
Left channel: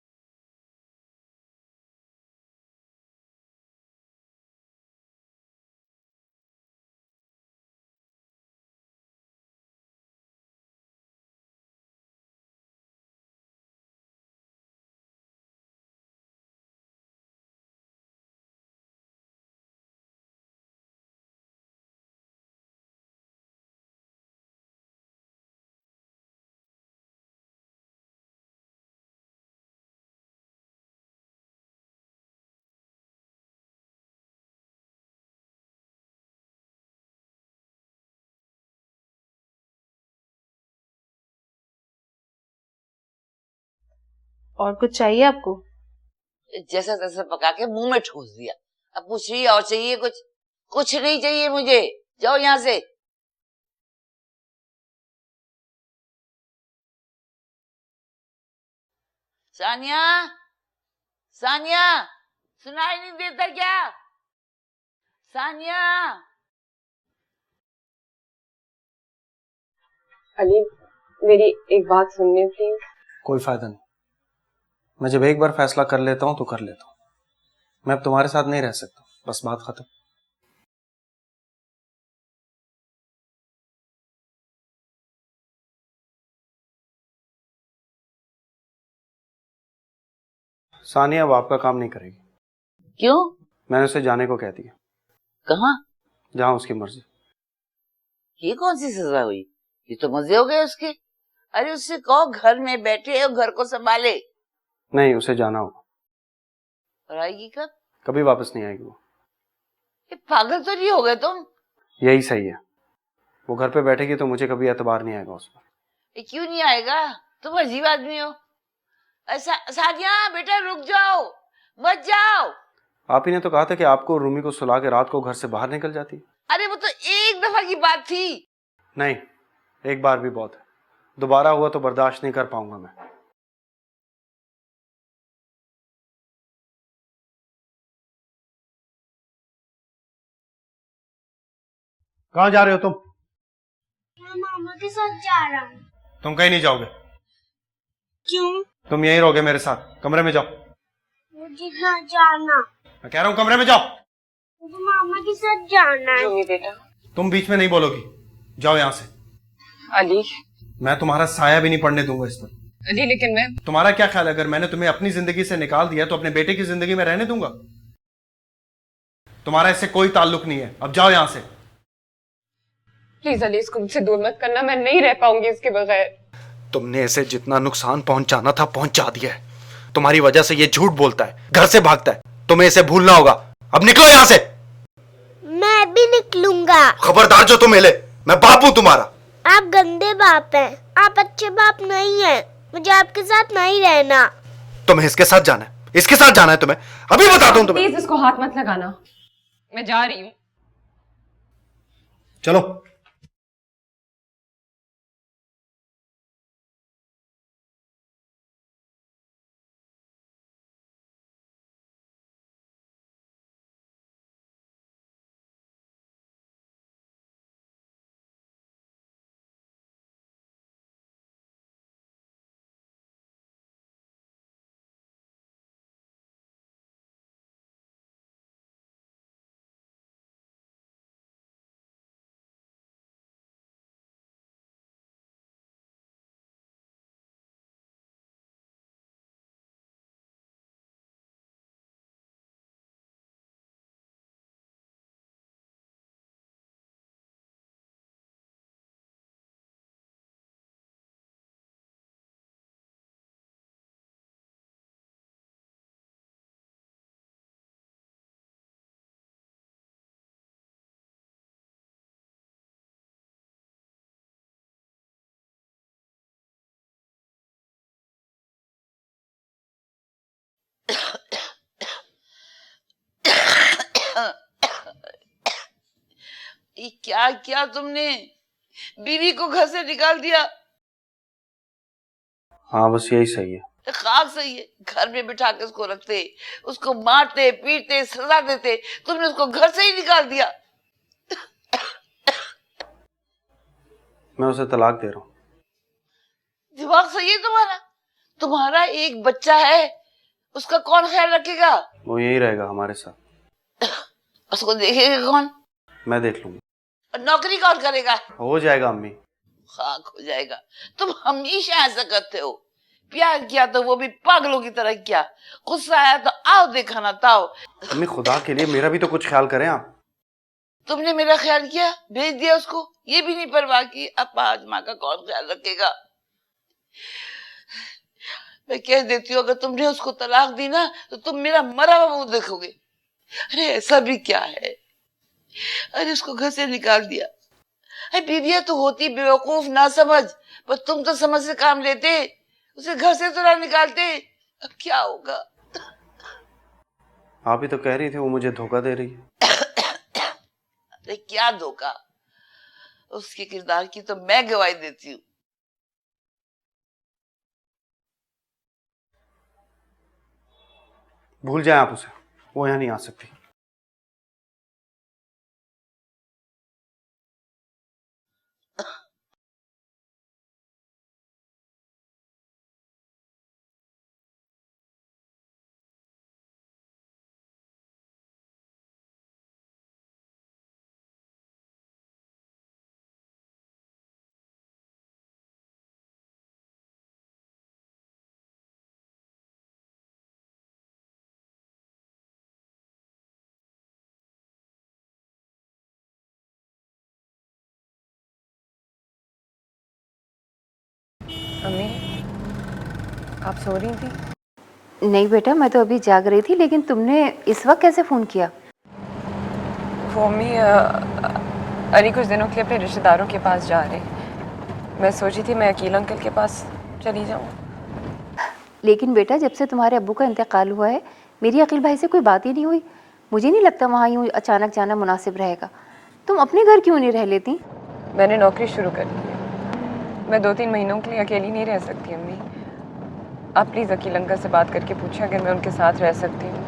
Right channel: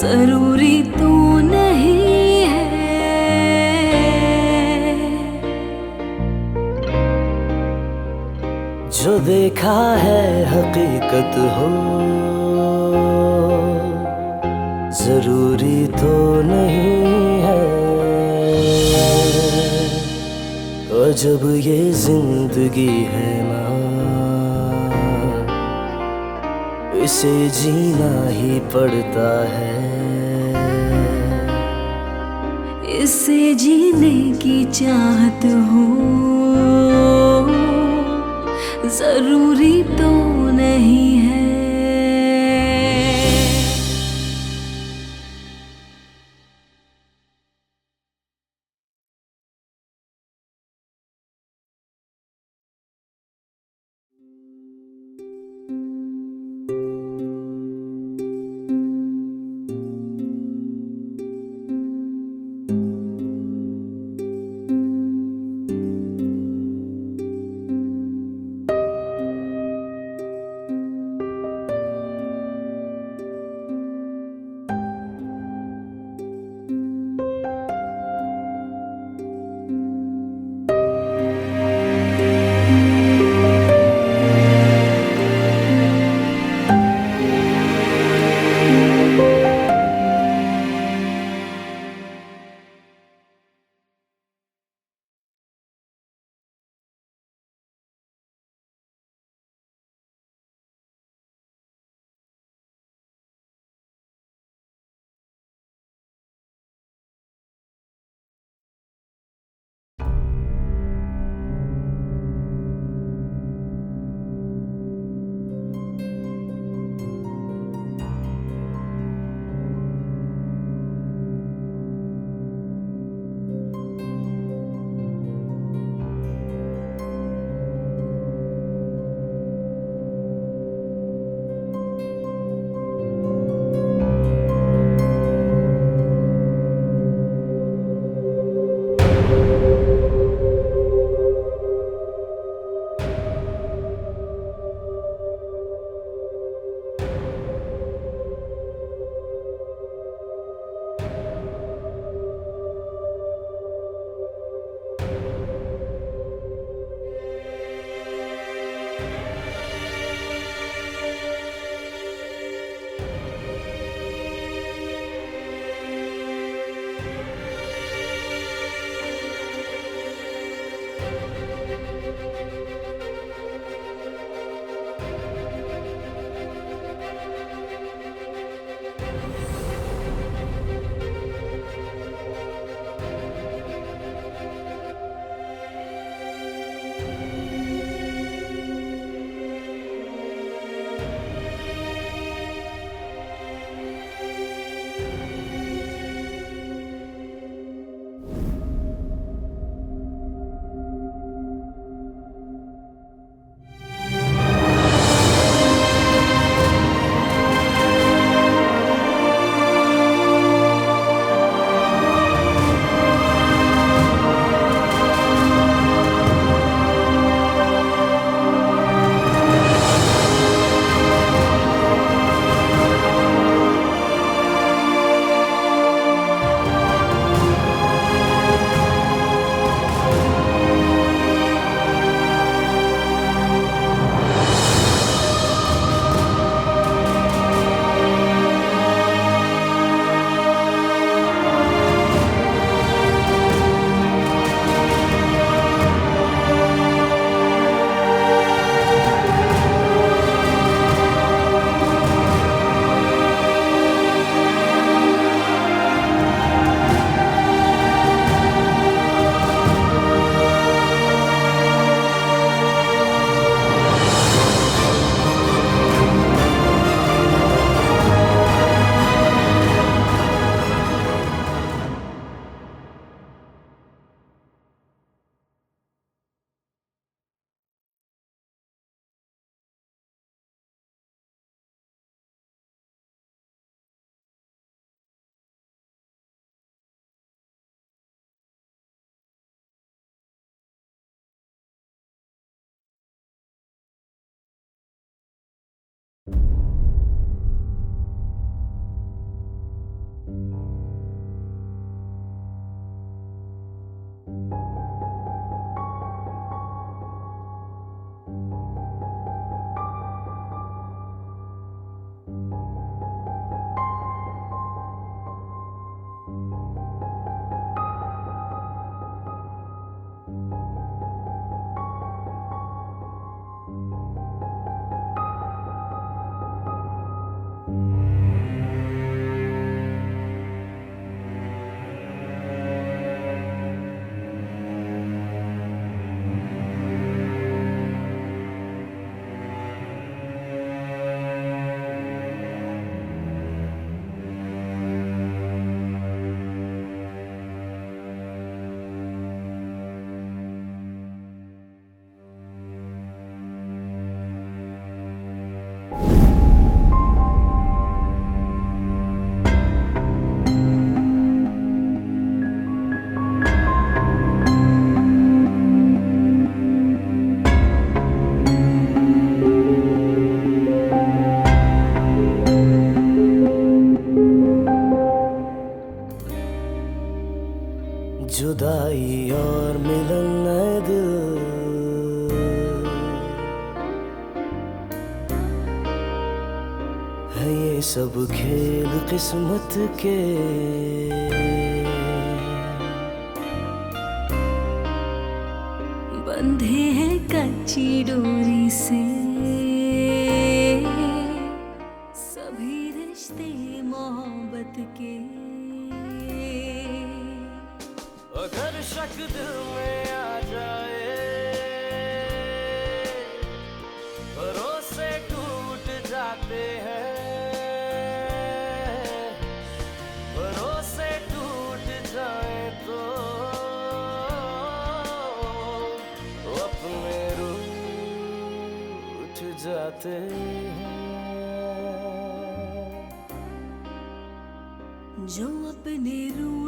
जरूरी तो नहीं है। जो देखा है हकीकत हो, जरूरी तो नहीं है। और जब ये जिंदगी है ना, इसे जीना ही पड़ता है। इसे जीने की चाहत हो, जरूरी तो नहीं है। और कुछ चाहिए आपको? जैसा तैसा पका के मुंह में ठूस दिया। अब पूछ रही है और चाहिए कुछ? कुछ नहीं चाहिए मुझे, जाओ यहाँ से। सानिया, सानिया, सुनाई नहीं देता क्या? सानिया। अली, मेरी एक बात सुनने प्लीज। कोई फायदा नहीं। मैं जब एक बार फैसला कर लेता हूँ तो कर लेता हूँ। मैं अब तुम्हारे साथ नहीं रह सकता, बस बात खत्म। सानिया अब आपका काम नहीं करेगी। क्यों? मैंने उसे जाने को कह दिया। कहाँ? जहाँ उसकी मर्जी। ये कौन सी सजा हुई? ये तो मजे हो गए उसके। अरे उससे कहो घर में बैठे और घर को संभाले। नहीं, उसे जाना होगा। और आएगी कब? कभी वापस नहीं आएगी वो। पागल तो नहीं हो गए तुम? यही सही है। वो घर पे बैठेगी तो मुझे कभी एतबार नहीं आएगा उसमें। ये क्यों नहीं आएगा? तुम अजीब आदमी हो। सानिया बेटा रुक जाओ, मत जाओ। आप ही ने तो कहा था कि आपको रूमी को सुला के रात को घर से बाहर निकल जाती। अरे वो तो एक दफा की बात थी। नहीं, एक बार भी बहुत है। दोबारा हुआ तो बर्दाश्त नहीं कर पाऊंगा मैं। कहाँ जा रहे हो तुम? मैं मामा के साथ जा रहा हूँ। तुम कहीं नहीं जाओगे। क्यों? तुम यहीं रहोगे मेरे साथ। कमरे में जाओ। हाँ जाना। मैं कह रहा हूँ कमरे में जाओ। मुझे मामा के साथ जाना है। बेटा, तुम बीच में नहीं बोलोगी। जाओ यहाँ से। अली, मैं तुम्हारा साया भी नहीं पड़ने दूंगा इसमें। अली लेकिन मैं। तुम्हारा क्या ख्याल है, अगर मैंने तुम्हें अपनी जिंदगी से निकाल दिया तो अपने बेटे की जिंदगी में रहने दूंगा? तुम्हारा इससे कोई ताल्लुक नहीं है। अब जाओ यहाँ से। प्लीज अली, इसको मुझसे दूर मत करना। मैं नहीं रह पाऊंगी इसके बगैर। तुमने इसे जितना नुकसान पहुंचाना था पहुंचा दिया है। तुम्हारी वजह से ये झूठ बोलता है, घर से भागता है। तुम्हें इसे भूलना होगा। अब निकलो यहाँ से। मैं भी निकलूंगा। खबरदार जो तुम हिले। मैं बाप हूँ तुम्हारा। आप गंदे बाप हैं। आप अच्छे बाप नहीं हैं। मुझे आपके साथ नहीं रहना। तुम्हें इसके साथ जाना है। इसके साथ जाना है तुम्हें। अभी बताता हूँ तुम्हें। प्लीज इसको हाथ मत लगाना। मैं जा रही हूँ। चलो। क्या किया तुमने? बीवी को घर से निकाल दिया। हाँ बस यही सही है। खाक सही है। घर में बिठा के उसको रखते, उसको मारते पीटते सजा देते, तुमने उसको घर से ही निकाल दिया। मैं उसे तलाक दे रहा हूँ। दिमाग सही है तुम्हारा? तुम्हारा एक बच्चा है, उसका कौन ख्याल रखेगा? वो यही रहेगा हमारे साथ। उसको देखेगा कौन? मैं देख लूंगा। नौकरी कौन करेगा? हो जाएगा अम्मी। खाक हो जाएगा। तुम हमेशा ऐसा करते हो। प्यार किया तो वो भी पागलों की तरह किया। गुस्सा आया तो आओ देखा ना ताओ। अम्मी खुदा के लिए मेरा भी तो कुछ ख्याल करें आप। तुमने मेरा ख्याल किया, भेज दिया उसको। ये भी नहीं परवाह की अब आज माँ का कौन ख्याल रखेगा। मैं कह देती हूँ अगर तुमने उसको तलाक दी ना तो तुम मेरा मरा हुआ मुंह देखोगे। अरे ऐसा भी क्या है? अरे उसको घर से निकाल दिया। अरे बीवियां तो होती बेवकूफ ना समझ, पर तुम तो समझ से काम लेते। उसे घर से तो ना निकालते। अब क्या होगा? आप ही तो कह रही थी वो मुझे धोखा दे रही। अरे क्या धोखा? उसके किरदार की तो मैं गवाही देती हूँ। भूल जाए आप उसे, वो यहाँ नहीं आ सकती। जुदाई और मिलन नए दिल, है ये सब खेल किस्मत के। बंधे हैं कच्ची डोरी से। अम्मी, आप सो रही थी? नहीं बेटा, मैं तो अभी जाग रही थी, लेकिन तुमने इस वक्त कैसे फ़ोन किया? मम्मी अली कुछ दिनों के अपने रिश्तेदारों के पास जा रहे हैं। मैं सोची थी मैं अकील अंकल के पास चली जाऊँ। लेकिन बेटा, जब से तुम्हारे अब्बू का इंतकाल हुआ है, मेरी अकील भाई से कोई बात ही नहीं हुई। मुझे नहीं लगता वहाँ यूँ अचानक जाना मुनासिब रहेगा। तुम अपने घर क्यों नहीं रह लेती? मैंने नौकरी शुरू कर ली है। मैं 2-3 महीनों के लिए अकेली नहीं रह सकती अम्मी। आप प्लीज़ अकील अंकल से बात करके पूछें अगर मैं उनके साथ रह सकती हूँ।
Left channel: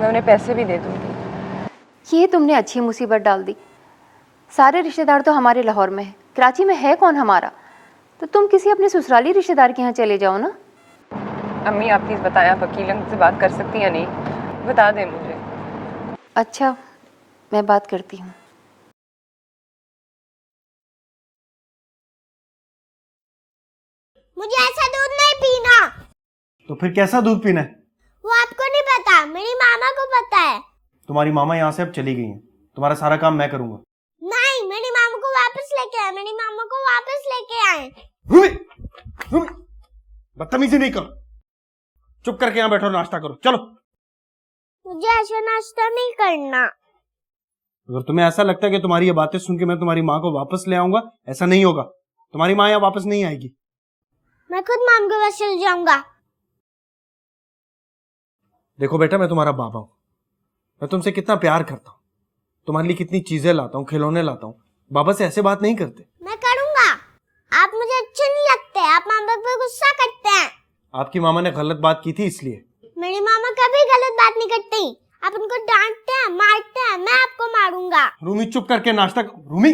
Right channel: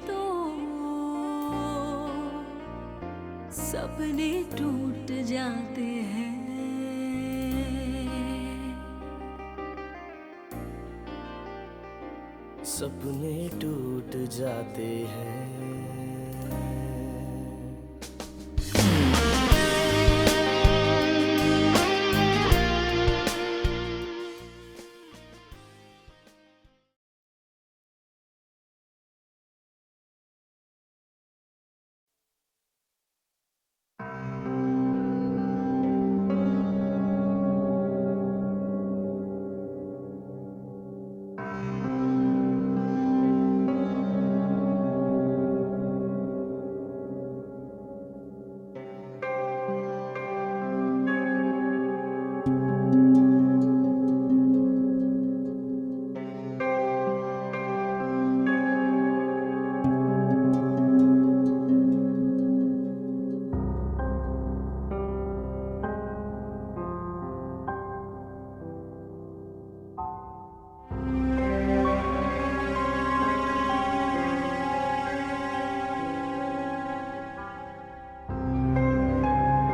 मैं उन्हें पैसे भी दे दूँगी। ये तुमने अच्छी मुसीबत डाल दी। सारे रिश्तेदार तो हमारे लाहौर में हैं, कराची में है कौन हमारा? तो तुम किसी अपने ससुराली रिश्तेदार के यहाँ चले जाओ ना। अम्मी आप प्लीज़ बताएं, आप अकील अंकल से बात कर सकती हैं या नहीं? बता दें मुझे। अच्छा, मैं बात करती हूँ। मुझे ऐसा दूध नहीं पीना। तो फिर कैसा दूध पीना है? वो आपको नहीं पता, मेरी मामा को पता है। तुम्हारी मामा यहाँ से अब चली गई हैं, तुम्हारा सारा काम मैं करूंगा। नहीं, मेरी मामा को वापस लेके आए, मेरी मामा को वापस लेके आए। रूमी, रूमी, बदतमीजी नहीं करो। चुप करके यहाँ बैठो, नाश्ता करो, चलो। मुझे ऐसा नाश्ता नहीं करना। अगर तुम्हें ऐसा लगता है कि तुम्हारी ये बातें सुन के मैं तुम्हारी माँ को वापस ले आऊंगा, ऐसा नहीं होगा। तुम्हारी माँ यहाँ वापस नहीं आएगी। मैं खुद माम के पास चल जाऊंगा। देखो बेटा, मैं तुम्हारा बाबा हूँ, मैं तुमसे कितना प्यार करता हूँ, तुम्हारे लिए कितनी चीजें लाता हूँ, खिलौने लाता हूँ। बाबा से ऐसे बात नहीं करते। मैं करूंगा। आप मुझे अच्छे नहीं लगते, आप मामा पे गुस्सा करते हैं। आपकी मामा ने गलत बात की थी इसलिए। मेरी मामा कभी गलत बात नहीं करती। आप उनको डांटते हैं, मारते हैं, मैं आपको मारूंगा। रूमी चुप करके नाश्ता कर। रूमी,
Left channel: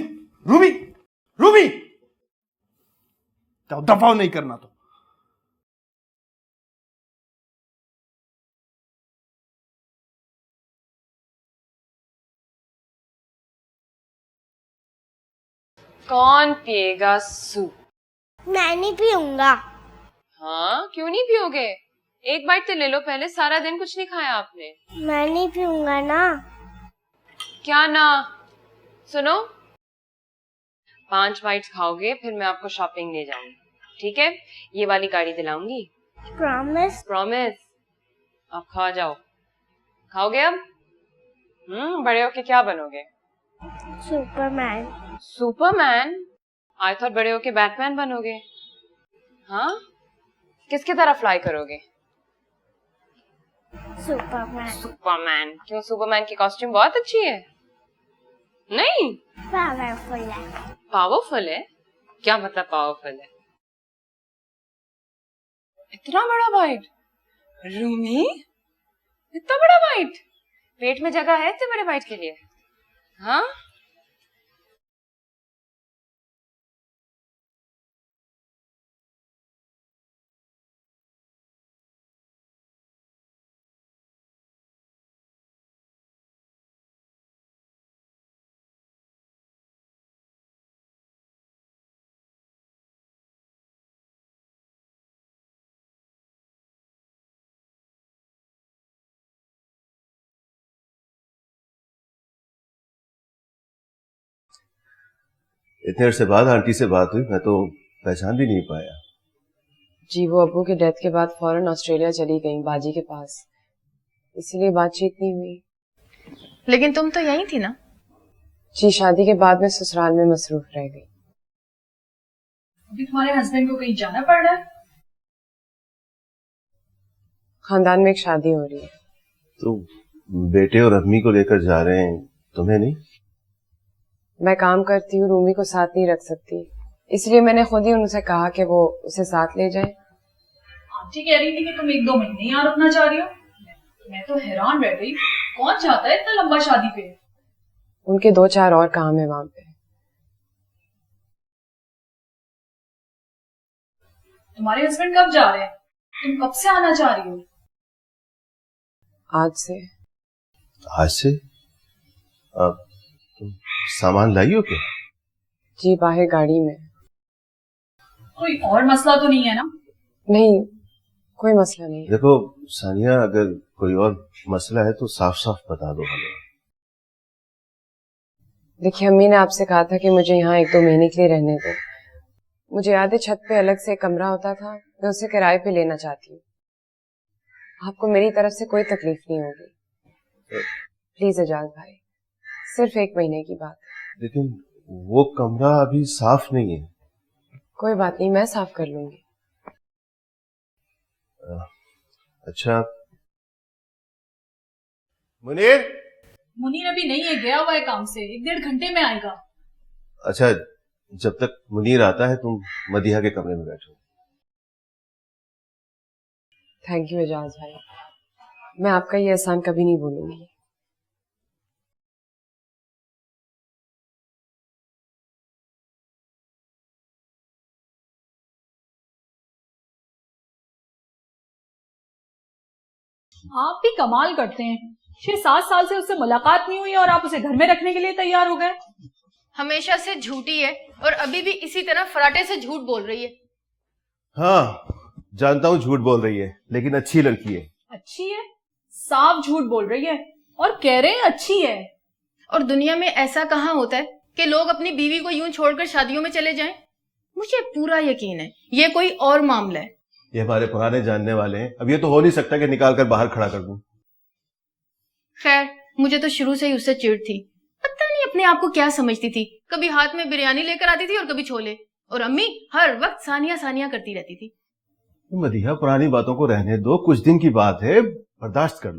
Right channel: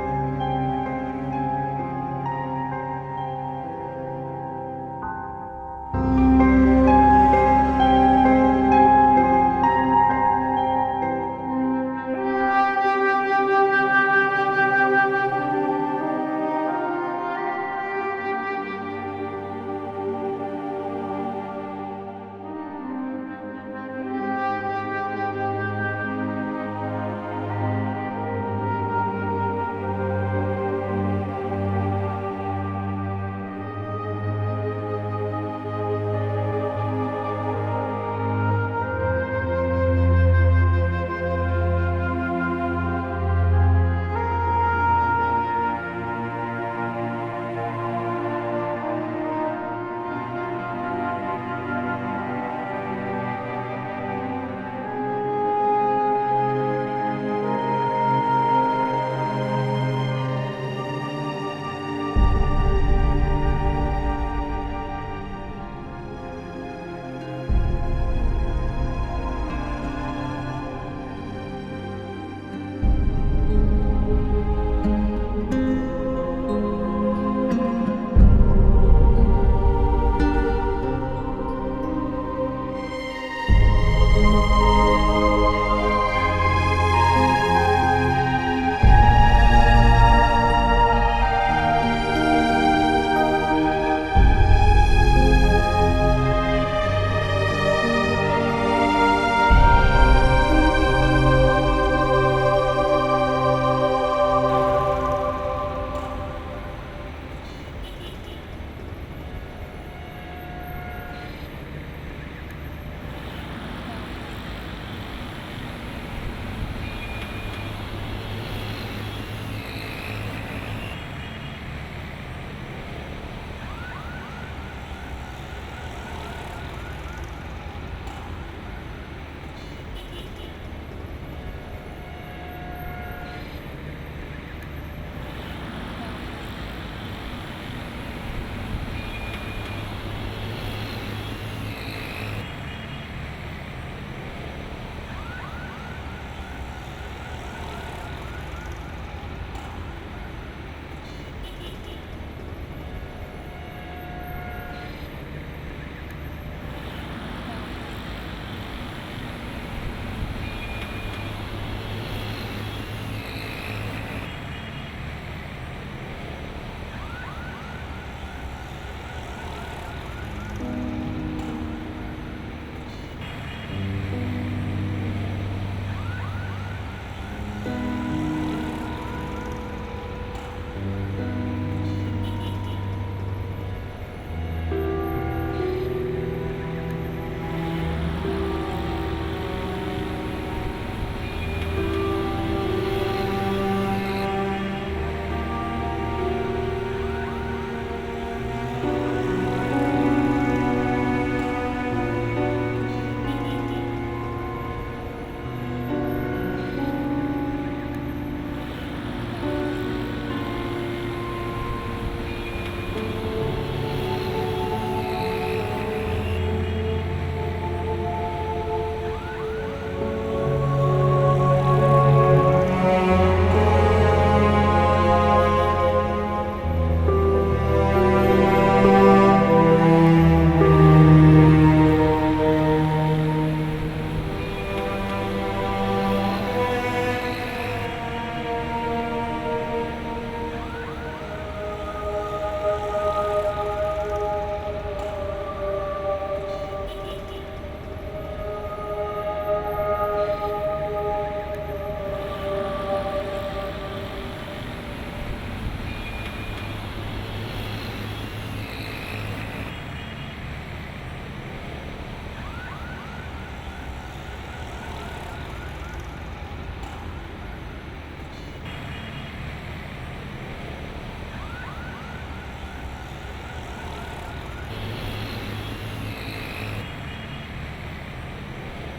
रूमी, रूमी, दफा नहीं करना। कौन पिएगा सूप? मैं नहीं पीऊंगा। हाँ, क्यों नहीं पियोगे? एक बाइट तो ले लो पहले, सारा दिन कुछ नहीं खाया आपने। मैं नहीं पीऊंगा ना। क्या ना? सुनो, 5 बाइट्स खाओगे फिर मैं आपको शॉपिंग ले जाऊंगी, ठीक है? ये वाली गाड़ी दिलाऊंगी। प्रॉमिस? प्रॉमिस। अब खा जाओ। खाओगे अब? बड़े होके क्या बनोगे? सुपरमैन। सुपरमैन? आई थॉट बड़े होके बैटमैन बनोगे। हाँ? किसकी तरह फ्लाई करोगे? सुपरमैन। सुपरमैन? क्यों, सुपरमैन की कॉस्ट्यूम बहुत अच्छी है। नहीं? पावरफुल है। पावरफुल है? क्या मतलब पावरफुल है? इतना बड़ा बाइट? रूमी? इतना बड़ा बाइट? पेट में जगह है इतने बड़े बाइट के लिए? हाँ? इतने अरसे बाद आंटी से बात हुई, मैं तो पहचान भी नहीं पाया। जी, वो अब्बू की डेथ के बाद फौरन ऑस्ट्रेलिया चली गई बाजी के पास, इसलिए बातचीत नहीं हुई। लेकिन तुम तो यहीं थी ना? जी, शादी के बाद मैं ससुराल में मसरूफ रही। तुम्हारे हस्बैंड को कहीं जाना पड़ रहा है? खानदान में एक शादी हो रही है। तो बेटे और अम्मी को लेकर जा रहे हैं, तुम्हें नहीं? मैं काम करती हूँ, रूमी को साथ नहीं रख सकती, इसलिए मैंने खुद ही उनसे कहा कि वो उसे साथ ले जाए। ठीक कह रही थी कि तुम 1-2 महीने यहाँ रुकना चाह रही हो। तो हैरान रह गई, कौन चाहता है इतना लंबा शादी पे? उनके 2-4 और काम है वहाँ। तुम्हारे हस्बैंड कब जा रहे हैं? तुम कब से आना चाह रही हो? आज से। आज से? अब सामान लाई हो क्या? जी बाहर गाड़ी में। कोई और मसला तो नहीं है ना? नहीं, कोई मसला नहीं। देखो सानिया, अगर कोई और मसला है तो साफ साफ बता दो। देखिए, अम्मी ने आपसे कहा था कि मुझे यहाँ 1-2 महीने के लिए रहने दो। मुझे याद है छत पे अलग से एक कमरा होता था, मैं उसे किराए पे लेना चाहती हूँ। आपको मेरी तरफ से कोई तकलीफ नहीं होगी। प्लीज इजाज़त, सिर्फ 1 महीने की बात। लेकिन वो कमरा अभी साफ नहीं है। कोई बात नहीं, मैं साफ कर लूँगी। अच्छा मुनीर अभी नहीं है, गया हुआ है काम से, 1-1.5 घंटे में आएगा। अच्छा, जब तक मुनीर आता है तुम मदीहा के कमरे में जाओ। थैंक यू इजाज़त, मैं आपका ये एहसान कभी नहीं भूलूंगी। कमाल करते हैं, 6-7 साल से उससे मुलाकात नहीं हुई और आप उसे घर में रखने के लिए तैयार हो गए। हमेशा से झूठी है और अभी भी इसी तरह फराटे से झूठ बोल रही है। हाँ जानता हूँ झूठ बोल रही है, लेकिन अच्छी लड़की है। अच्छी है? साफ झूठ बोल रही है और कह रहे हैं अच्छी है। और दुनिया में ऐसा कहाँ होता है कि लोग अपनी बीवी को यूं छोड़कर शादियों में चले जाएं? मुझे पूरा यकीन है ये कोई और मामला है। ये हमारे पुराने जानने वाले हैं, अब ये तो हो नहीं सकता कि निकाल कर बाहर खड़ा कर दूं। खैर, मुझे तो शुरू से ही उससे चिढ़ थी। पता नहीं अपने आप को क्या समझती थी, कभी हाथ में बिरयानी लेकर आती थी और कभी छोले, और अम्मी हर वक्त सानिया सानिया करती रहती थी। तो मदीहा, पुरानी बातों को रहने दो, कुछ दिन की बात है, बर्दाश्त कर लो।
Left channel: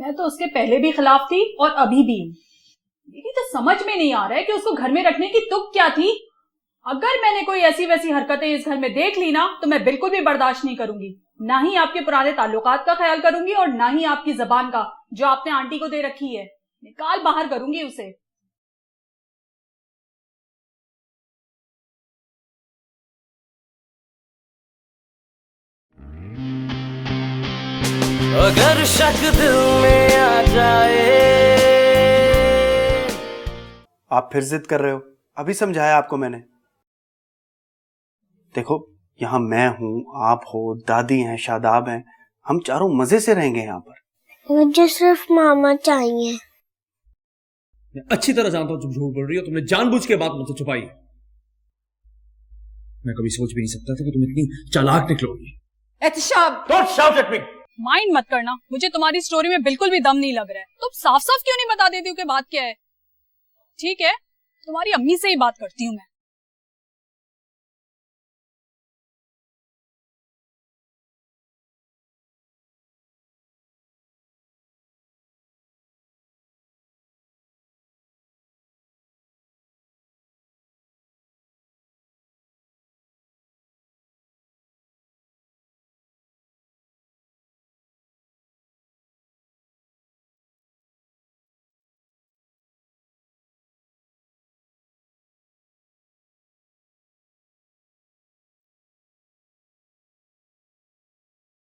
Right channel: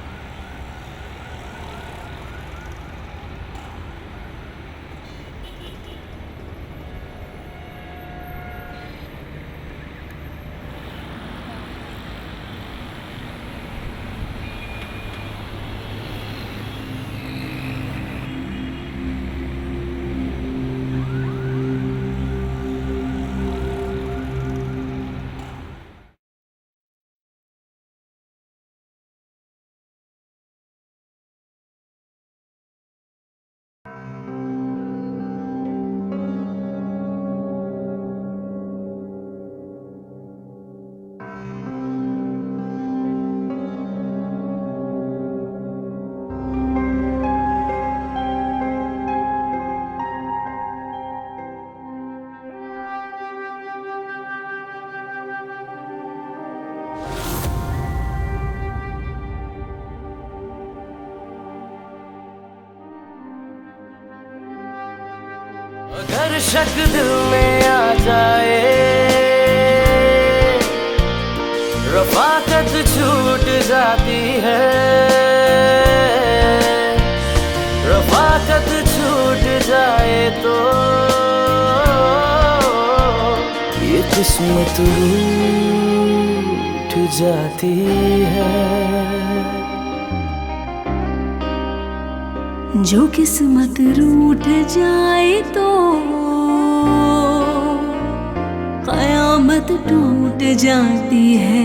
मैं तो उसके पहले भी खिलाफ थी और अभी भी। ये तो समझ में नहीं आ रहा है कि उसको घर में रखने की तुक क्या थी। अगर मैंने कोई ऐसी वैसी हरकतें इस घर में देख ली ना तो मैं बिल्कुल भी बर्दाश्त नहीं करूंगी। ना ही आपके पुराने ताल्लुकात का ख्याल करूंगी और ना ही आपकी ज़बान का, जो आपने आंटी को दे रखी है। काल बाहर करूंगी उसे। अगर शक दिल में आ जाए। आप फिर जिद कर रहे हो? अभी समझाया आपको मैंने। देखो, यहाँ मैं हूँ, आप हो, दादी हैं, शादाब हैं, हम चारों मजे से रहेंगे यहाँ पर। मुझे सिर्फ मामा चाहिए। अच्छी तरह जानता हूँ तुम झूठ बोल रही हो, तुमने जानबूझ के बात मुझसे छुपाई। मैं कभी सोच भी नहीं सकता था कि तुम इतनी चालाक निकलोगी। Ehtisham, don't shout at me. Mind मत करना, मुझे तुम्हारी स्टोरी में बिल्कुल भी दम नहीं लग रहा है। तुम साफ साफ क्यों नहीं बता देती हो कि बात क्या है? ठीक है, तुम्हारी अम्मी से ही बात करती हूँ। अगर शक दिल में आ जाए, रफाकत छूट जाती है, रफाकत छूट जाए तो ये किस्मत रूठ जाती है। जो किस्मत रूठ जाए तो कयामत टूट जाती है।